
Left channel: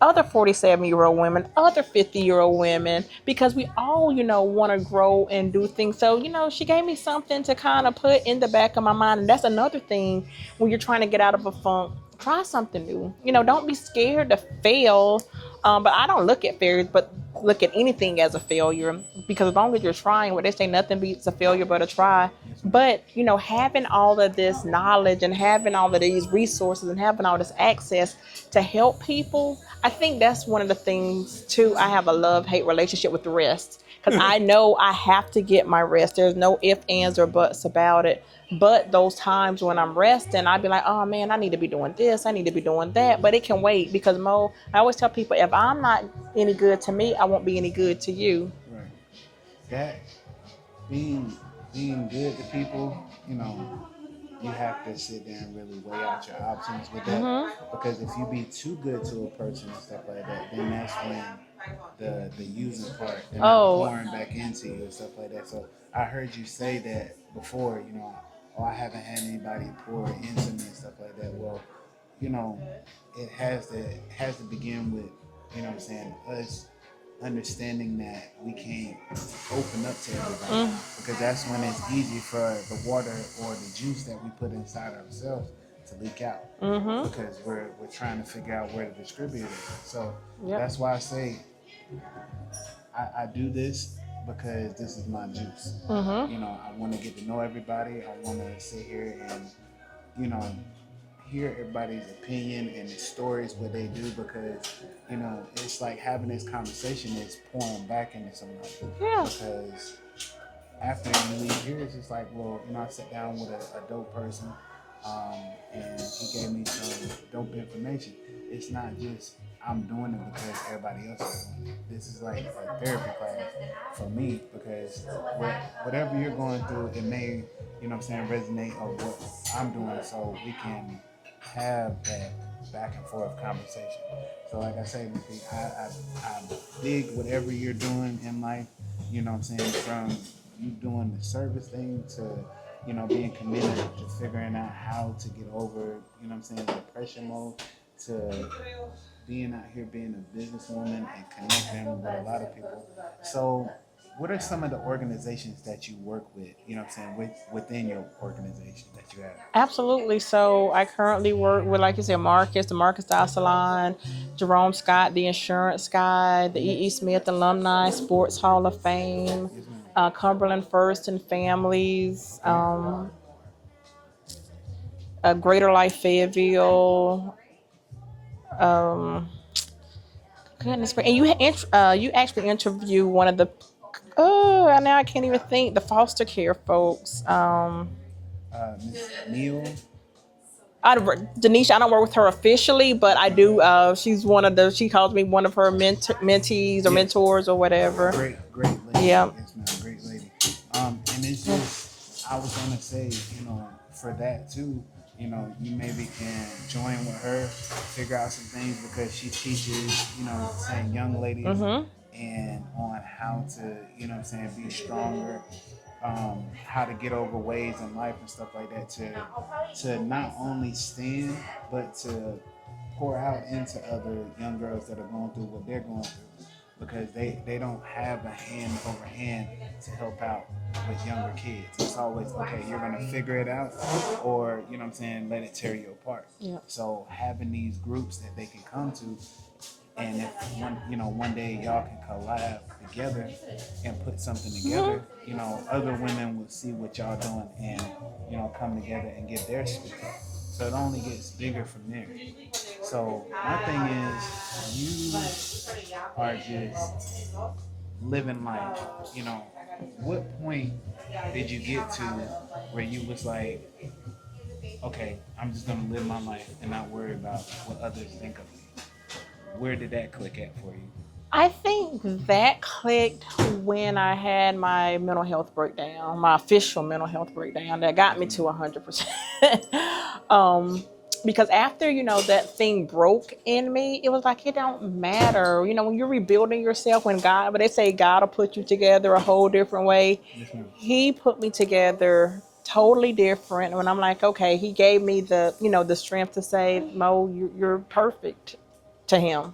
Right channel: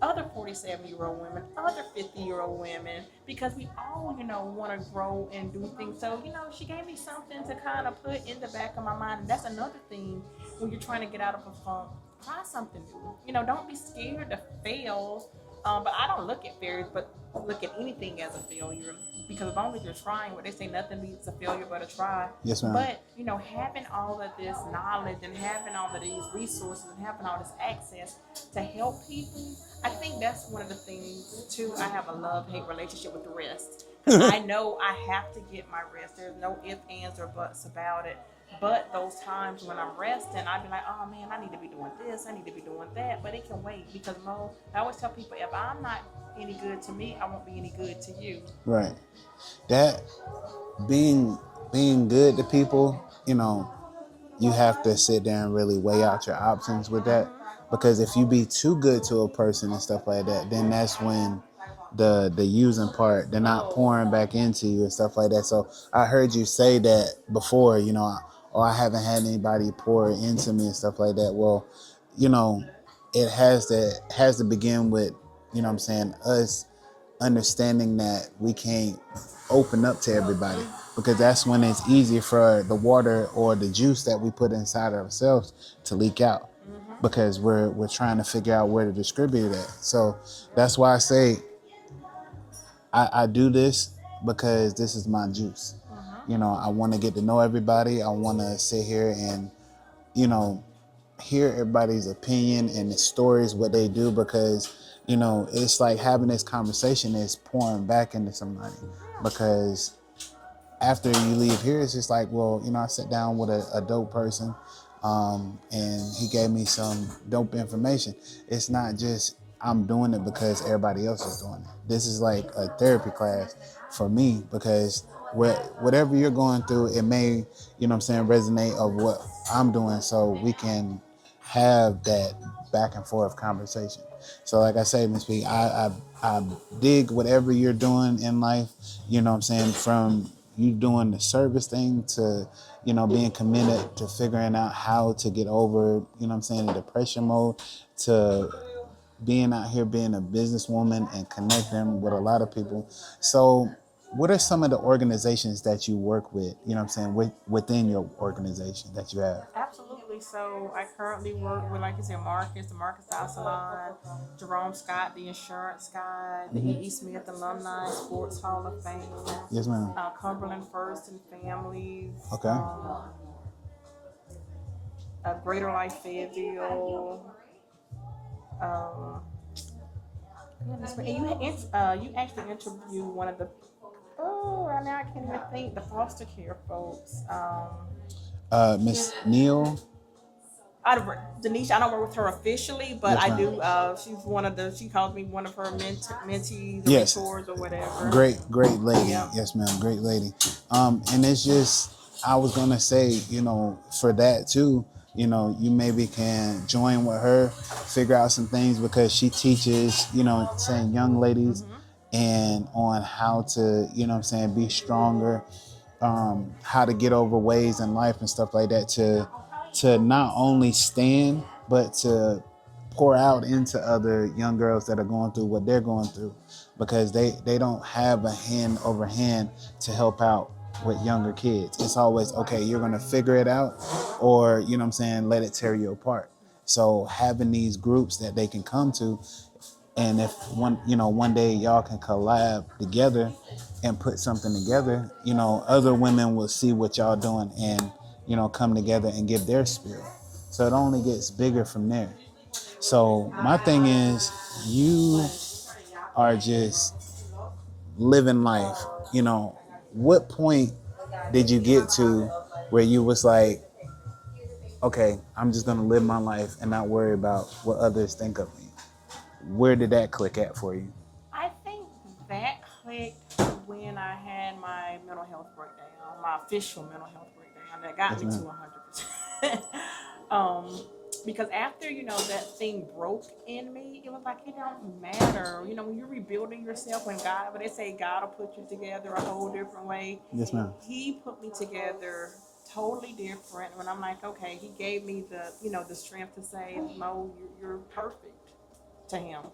other 47-year-old women, other 50-year-old women, because we all, want to grow and do things. So, she gave me something to kind of put in the back of my mind. And that's another thing when you're trying to get out of a funk. Try something new. Don't be scared to fail. But I don't look at failures, but look at anything as a failure, because as long as you're trying, what they say, nothing beats a failure but a try. Yes, ma'am. But having all of this knowledge and having all of these resources and having all this access to help people, I think that's one of the things too. I have a love-hate relationship with rest, because I know I have to get my rest. There's no ifs, ands, or buts about it. But those times when I'm resting, I'd be like, oh man, I need to be doing this, I need to be doing that. But it can wait, because Mo, I always tell people, if I'm not any good to me, I won't be any good to you. Right. That being good to people, you have to sit there and really weigh out your options with that. Because if you be too good to a person and stuff like that, then that's when the using part, they're not pouring back into you and stuff like that. So I heard you say that before, I haven't had anybody pour into me and stuff like that. Well, it has to begin with, us understanding that we can't open up to everybody, because that's when it's easy for the water or the juice that we put inside ourselves to leak out, because we're trying to figure out where to distribute it. So that's why I say I do this, because this is my juice. I want to get to know everybody. I want to sit here and hear everybody's opinion and the stories, what they do, because, you know, it's like having this conversation is pouring back into somebody. Yeah. Because after you leave here, it's just like, well, you know, I sat down with a dope person, and he gave me some dope information. It's not just I'm doing it because everybody else is doing it. This is like a therapy class for me, because whatever you're going through, it may, you know what I'm saying, resonate of what I'm doing, so we can have that back and forth conversation. So like I say, Miss B, I dig whatever you're doing in life, you know what I'm saying, from you doing the service thing to, you know, being committed to figuring out how to get over, you know what I'm saying, the depression mode, to being out here being a businesswoman and connecting with a lot of people. So what are some of the organizations that you work with, you know what I'm saying, within your organization that you have? Absolutely. So I currently work with, like you said, Marcus, the Marcus Style Salon, Jerome Scott, the Insurance Guy, the E.E. Smith Alumni Sports Hall of Fame, Yes, ma'am. Cumberland First and Families, Okay. Greater Life Fayetteville. Goodness, and you actually interviewed one of the now I can't even think, the foster care folks. Miss Neal. Denisha, I don't work with her officially, but Yes, I ma'am. do. She's one of the. She calls me one of her mentees or Yes. mentors or whatever. Great lady. Yeah. Yes, ma'am. Great lady. And it's just, I was gonna say, you know, for that too, you know, you maybe can join with her, figure out some things, because she teaches, you know, saying young ladies and on how to, you know what I'm saying, be stronger, how to get over ways in life and stuff like that, to not only stand, but to pour out into other young girls that are going through what they're going through, because they don't have a hand over hand to help out with younger kids. It's always, okay, you're gonna figure it out, or, you know what I'm saying, let it tear you apart. Yeah. So having these groups that they can come to, and if one day y'all can collab together and put something together, you know, other women will see what y'all doing and, you know, come together and give their spirit. So it only gets bigger from there. So my thing is, you are just living life. You know, what point did you get to where you was like, okay, I'm just gonna live my life and not worry about what others think of me? Where did that click at for you? I think that clicked when I had my mental health breakdown, my official mental health breakdown that got me to 100%. Because after, you know, that thing broke in me, it was like, it don't matter. You know, when you're rebuilding yourself, but they say God will put you together a whole different way. Yes, ma'am. He put me together totally different. When I'm like, okay, he gave me the, you know, the strength to say, Mo, you're perfect to him,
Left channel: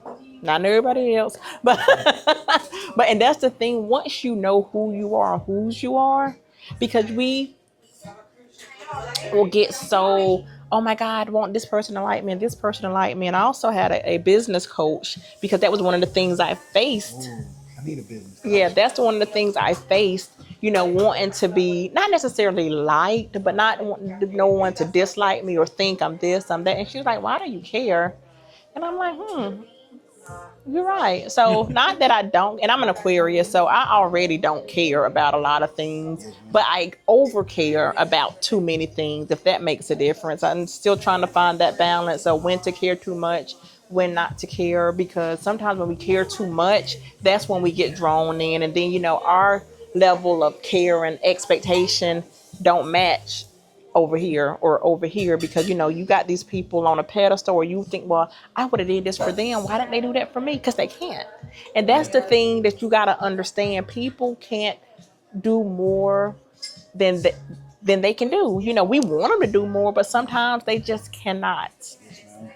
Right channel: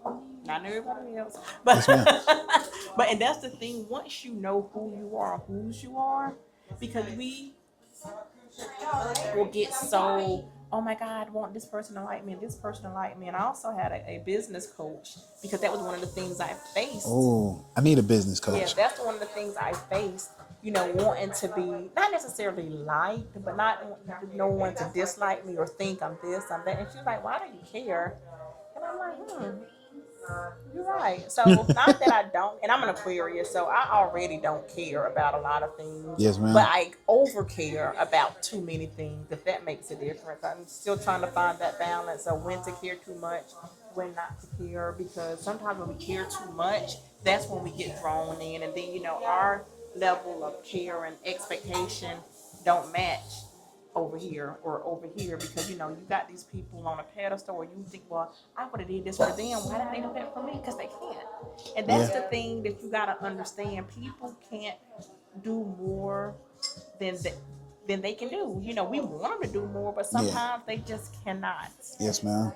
not everybody else, but but and that's the thing. Once you know who you are, whose you are, because we will get so, oh my God, I want this person to like me and this person to like me. And I also had a business coach, because that was one of the things I faced. Oh, I need a business coach. Yeah, that's one of the things I faced. You know, wanting to be not necessarily liked, but not wanting no one to dislike me or think I'm this, I'm that. And she was like, "Why do you care?" And I'm like, you're right. So not that I don't, and I'm an Aquarius, so I already don't care about a lot of things. Yes, ma'am. But I over care about too many things, if that makes a difference. I'm still trying to find that balance of when to care too much, when not to care, because sometimes when we care too much, that's when we get drawn in, and then, you know, our level of care and expectation don't match over here, because, you know, you got these people on a pedestal, or you think, well, I would have did this for them, why didn't they do that for me? Because they can't. And that's the thing that you got to understand. People can't do more than they can do. You know, we want them to do more, but sometimes they just cannot. Yes, ma'am.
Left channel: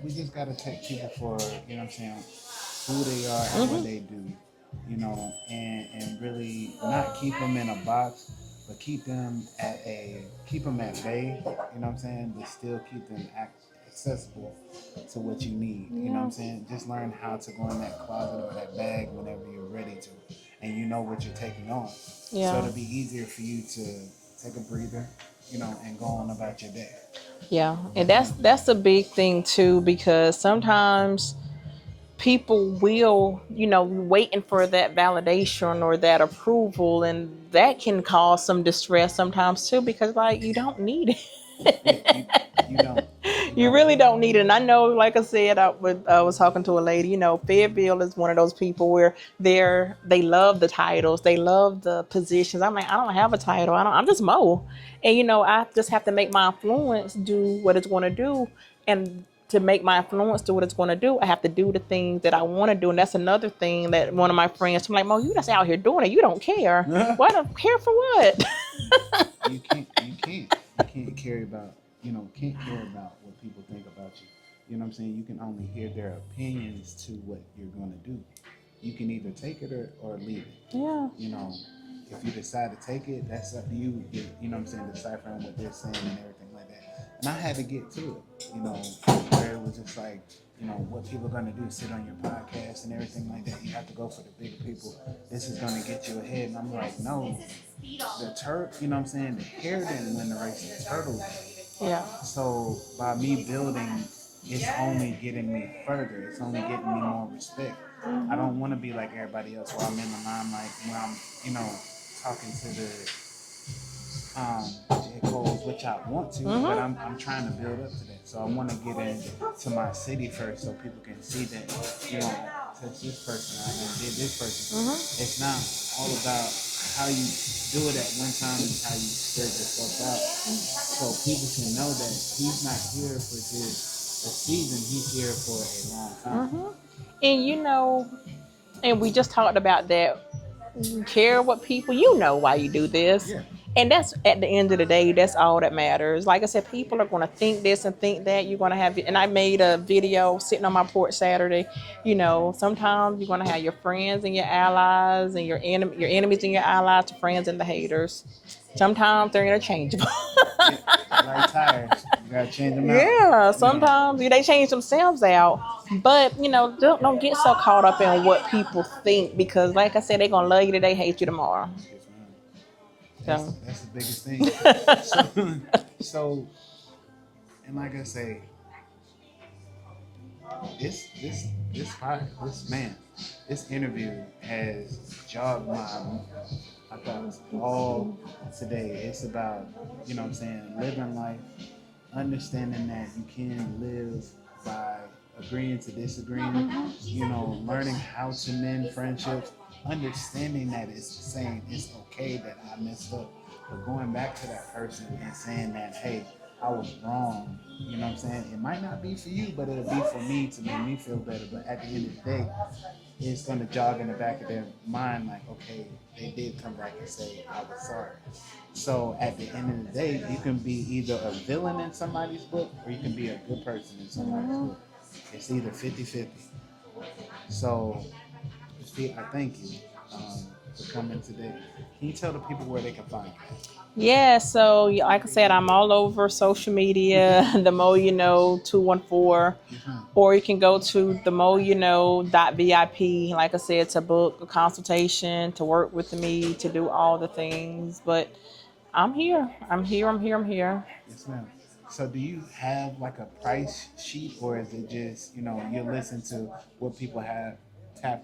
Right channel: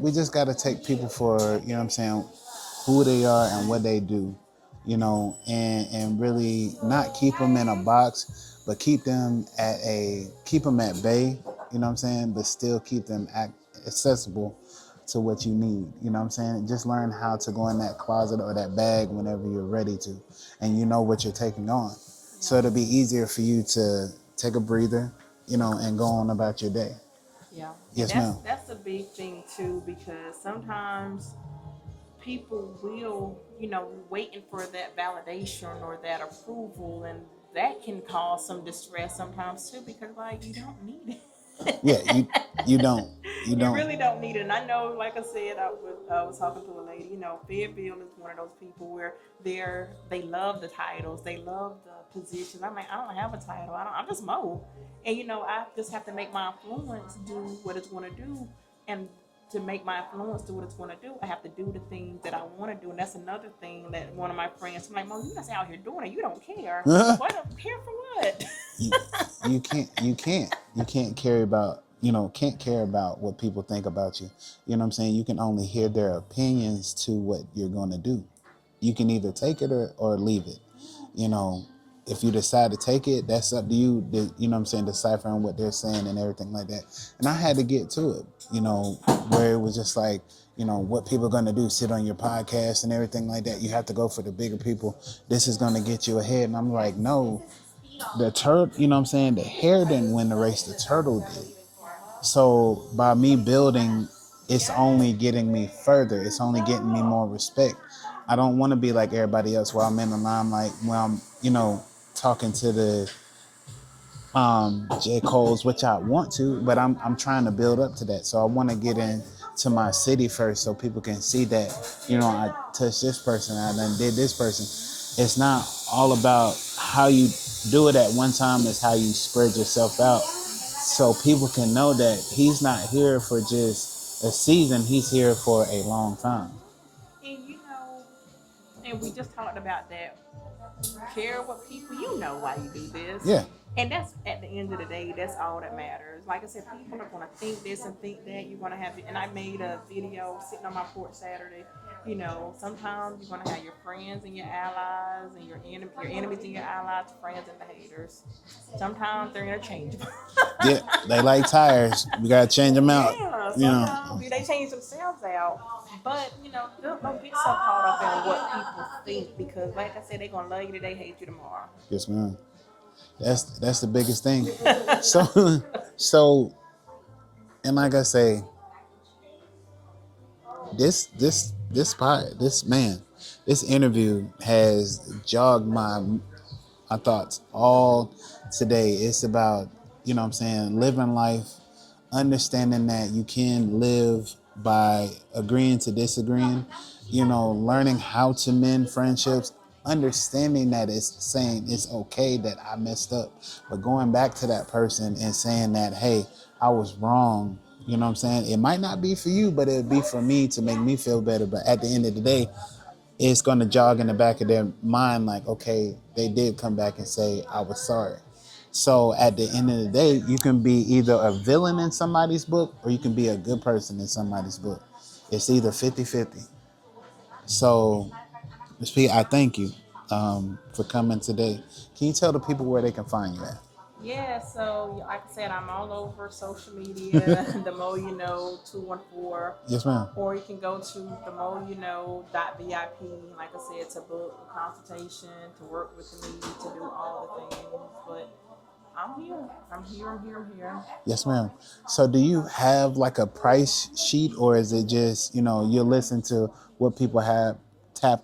We just got to take people for, you know what I'm saying, who they are and what they do, you know, and really not keep them in a box, but keep them at bay, you know what I'm saying, but still keep them accessible to what you need, you know what I'm saying? Just learn how to go in that closet or that bag whenever you're ready to, and you know what you're taking on. Yeah. So it'll be easier for you to take a breather, you know, and go on about your day. Yeah, and Yes, ma'am. that's a big thing too, because sometimes people will, waiting for that validation or that approval, and that can cause some distress sometimes too, because like you don't need Yeah, it. you don't. You You don't. really don't need it. And I know, like I said, I was talking to a lady. Fayetteville is one of those people where they love the titles, they love the positions. I'm like, I don't have a title. I'm just Mo, and I just have to make my influence do what it's going to do, and to make my influence do what it's going to do, I have to do the things that I want to do. And that's another thing that one of my friends, I'm like, Mo, you just out here doing it. You don't care. Why don't care for what? you, you can't care about can't care about what people think about you. You know what I'm saying? You can only hear their opinions to what you're going to do. You can either take it or leave it. Yeah. If you decide to take it, that's up to you. You know what I'm saying? Deciphering what they're saying and everything like that. And I had to get to it, where it was just like, what people are going to do, sit on your podcast and everything like that. You have to go for the bigger people. This is going to get you ahead. And I'm like, no, the turtle, you know what I'm saying? The hare didn't win the race, the turtle did. Yeah. So by me building, it's only getting me further. It's only getting me more respect. I don't want to be like everybody else where I'm in the limelight, where I'm, talking to the J. Cole's, which I want to, but I'm trying to build up to that. So I want to get into my city first so people can see that, I touched this person, I done did this person. It's not all about how you do it at one time, it's how you spread yourself out. So people can know that he's not here for just a season, he's here for a long time. And and we just talked about that. You care what people, why you do this. Yeah. And that's, at the end of the day, that's all that matters. Like I said, people are going to think this and think that. You're going to have, and I made a video sitting on my porch Saturday. Sometimes you're going to have your friends and your allies, and your enemies and your allies, your friends and the haters. Sometimes they're interchangeable. Yeah, they like tires. We got to change them out. Yeah, sometimes they change themselves out. But, don't get so caught up in what people think, because, like I said, they're going to love you today, hate you tomorrow. Yes, ma'am. That's the biggest thing. So, and like I say, this interview has jogged my thoughts all today. It's about, living life, understanding that you can live by agreeing to disagreeing, learning how to mend friendships, understanding that it's saying it's okay that I messed up, but going back to that person and saying that, hey, I was wrong. You know what I'm saying? It might not be for you, but it'll be for me to make me feel better. But at the end of the day, it's going to jog in the back of their mind like, okay, they did come back and say, I was sorry. So at the end of the day, you can be either a villain in somebody's book or you can be a good person in somebody's book. It's either 50-50. So, Ms. P, I thank you for coming today. Can you tell the people where they can find you at? Yeah, so like I said, I'm all over social media, the Mo You Know 214. Yes, ma'am. Or you can go to the moyouknow.vip, like I said, to book a consultation, to work with me, to do all the things. But I'm here. Yes, ma'am. So do you have like a price sheet, or is it just, you listen to what people have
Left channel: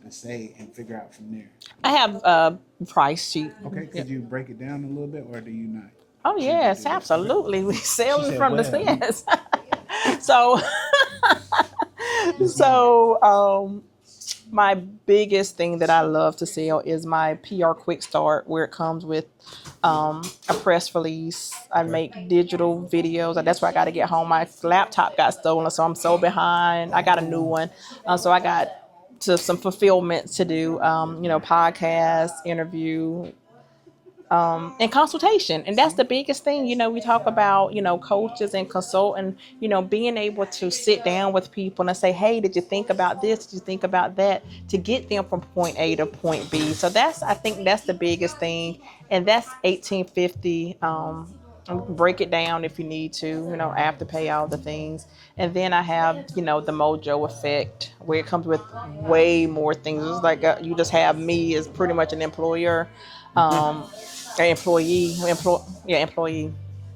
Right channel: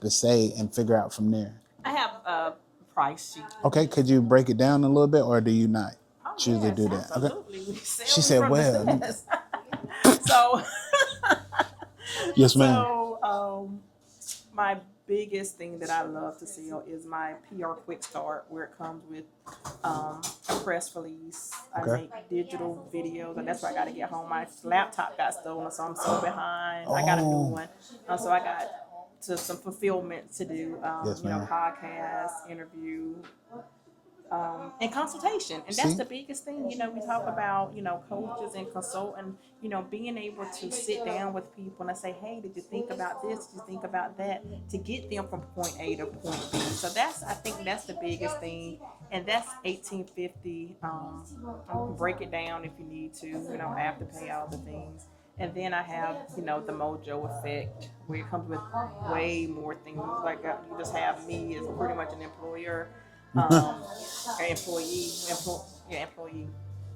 to say and figure out from there? I have a price sheet. Okay, could you break it down a little bit, or do you not? Oh, yes, absolutely. Okay. We sell from the sense. So, yes, ma'am. So, my biggest thing that I love to sell is my PR Quick Start, where it comes with a press release. I make digital videos. That's why I got to get home. My laptop got stolen, so I'm so behind. I got a new one. So I got some fulfillment to do, podcast, interview, and consultation. And that's the biggest thing. We talk about, coaches and consulting, being able to sit down with people and say, hey, did you think about this? Did you think about that? To get them from point A to point B. So I think that's the biggest thing. And that's $1,850. Break it down if you need to, Afterpay, all the things. And then I have, the Mojo effect, where it comes with way more things. It's like you just have me as pretty much an employer. Employee.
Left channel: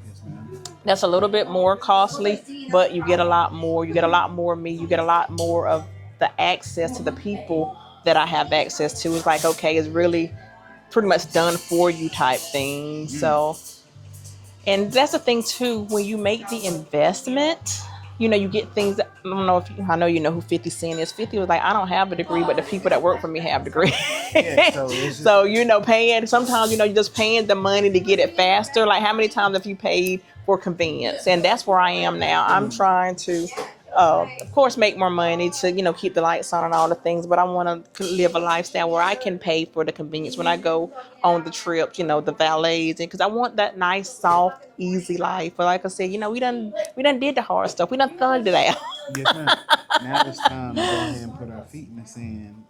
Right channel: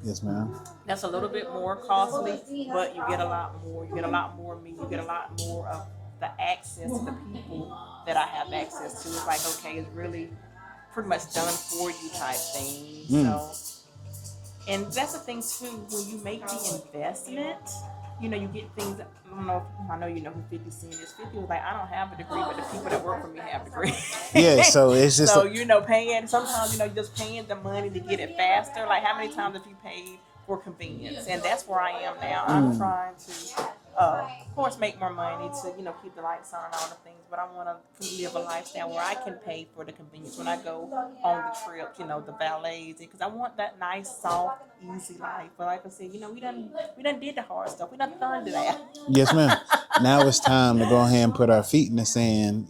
Yes, ma'am. That's a little bit more costly, but you get a lot more. You get a lot more of me. You get a lot more of the access to the people that I have access to. It's like, okay, it's really pretty much done for you type thing. So, and that's the thing too, when you make the investment, you get things that, I don't know if I know you know who 50 Cent is. 50 was like, I don't have a degree, but the people that work for me have degrees. Yeah, so it's just so paying, sometimes you're just paying the money to get it faster. Like, how many times have you paid for convenience? And that's where I am now. I'm trying to of course make more money to keep the lights on and all the things, but I want to live a lifestyle where I can pay for the convenience when I go on the trips, the valets, and because I want that nice, soft, easy life. But like I said, we done did the hard stuff. We done thugged it out. Yes, ma'am. Now it's time to go ahead and put our feet in the sand,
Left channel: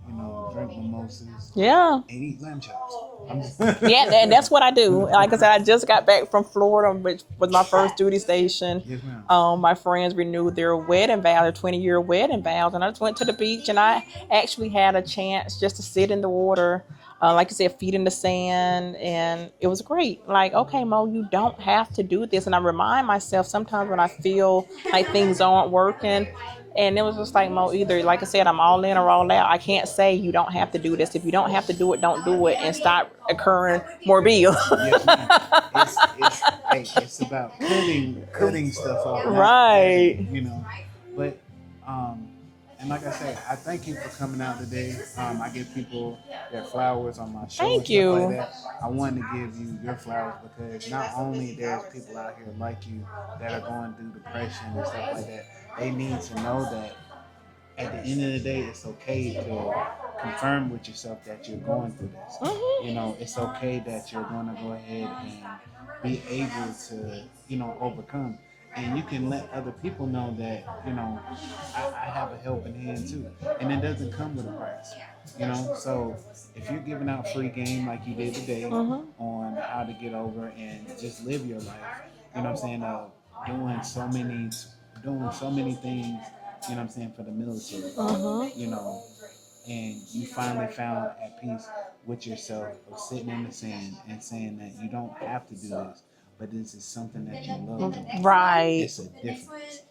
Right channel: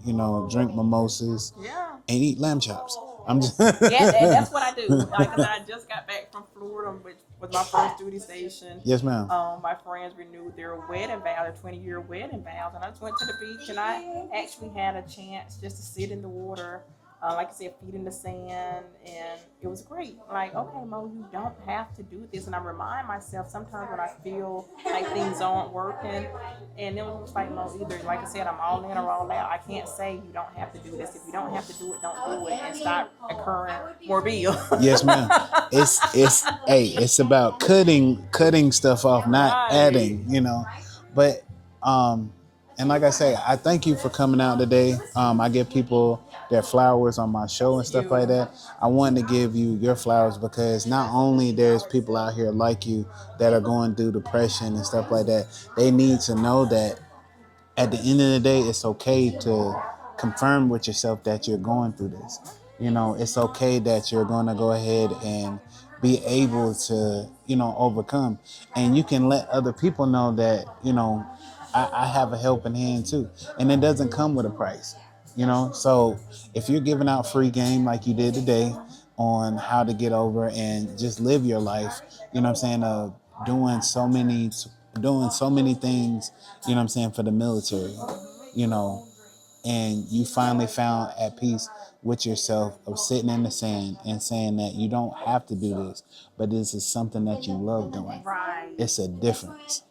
drink mimosas, Yeah. and eat lamb chops. I'm just Yeah, and that's what I do. Like I said, I just got back from Florida, which was my first duty station. Yes, ma'am. My friends renewed their wedding vows, their 20-year wedding vows, and I just went to the beach, and I actually had a chance just to sit in the water, like I said, feet in the sand, and it was great. Like, okay, Mo, you don't have to do this. And I remind myself sometimes when I feel like things aren't working, and it was just like, Mo, either, like I said, I'm all in or all out. I can't say you don't have to do this. If you don't have to do it, don't do it, and stop incurring more bills. Yes, ma'am. It's about cutting stuff off, not Right. adding, But and like I say, I thank you for coming out today. I give people their flowers on my show and stuff like that. I wanted to give you your flowers because not only there's people out here like you that are going through depression and stuff like that, they need to know that at the end of the day, it's okay to confirm with yourself that you're going through this. It's okay that you're going to go ahead and be able to, overcome. And you can let other people know that, I have a helping hand too. And it doesn't come with a price. So if you're giving out free game like you did today on how to get over and just live your life, doing so many things, for the military, and you finally found at peace with yourself of sitting in the sand and saying that you don't have to do this, but this is something that you love doing. Right. It's a difference.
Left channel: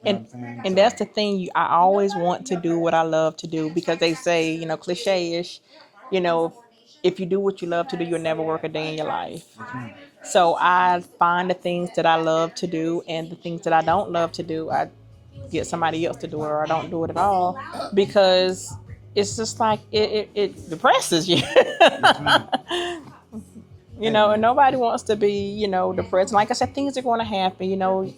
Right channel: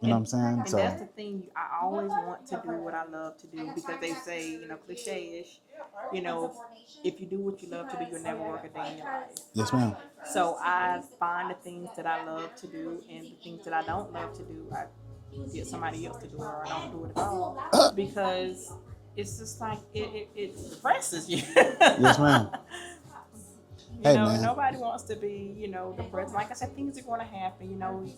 You know what I'm saying? And that's the thing. I always want to do what I love to do because they say, cliche-ish, if you do what you love to do, you'll never work a day in your life. Yes, ma'am. So I find the things that I love to do, and the things that I don't love to do, I get somebody else to do it, or I don't do it at all, because it's just like it depresses you. Yes, ma'am. And nobody wants to be, depressed. Like I said, things are going to happen.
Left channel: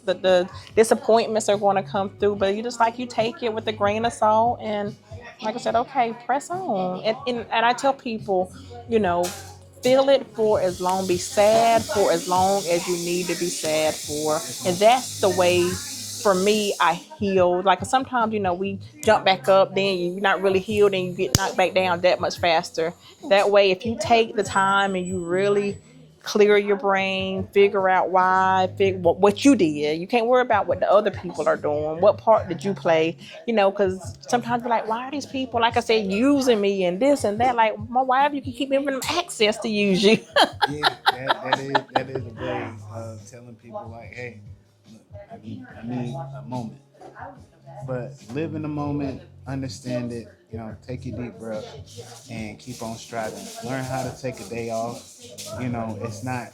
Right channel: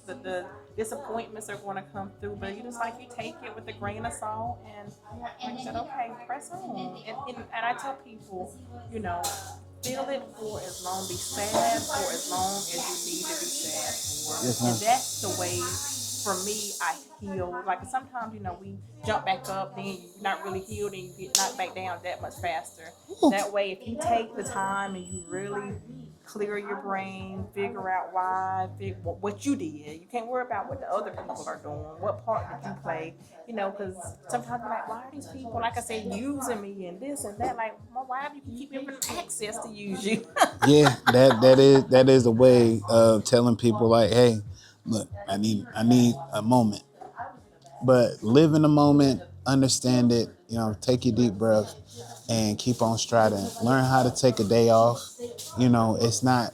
The disappointments are going to come through, but you take it with a grain of salt, and like I said, okay, press on. And I tell people, feel it for as long, be sad for as long as you need to be sad for, and that's the way. For me, I healed. Like sometimes, we jump back up, then you're not really healed, and you get knocked back down that much faster. That way, if you take the time and you really clear your brain, figure out why, what you did. You can't worry about what the other people are doing. What part did you play? Because sometimes you're like, why are these people, like I said, using me and this and that? Like, why have you keep giving them access to use you? Yeah, that is a way of telling people like, hey, look, I need a moment. But live in the moment, understand it, take your deep breath and keep on striding. Learn how to take a day off. It's not,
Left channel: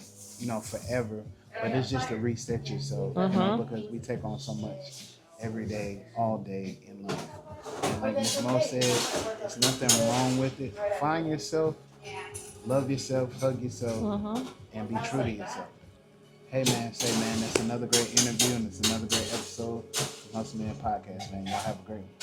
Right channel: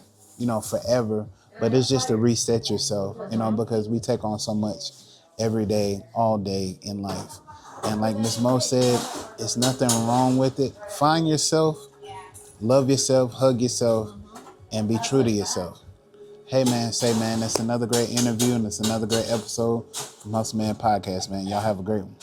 forever, but it's just to reset yourself, because we take on so much every day, all day in life. And like Miss Mo said, it's nothing wrong with it. Find yourself, love yourself, hug yourself, and be true to yourself. Hey, man, that's another great interview, and it's another great episode from Hustle Man Podcast, man. Y'all have a great one.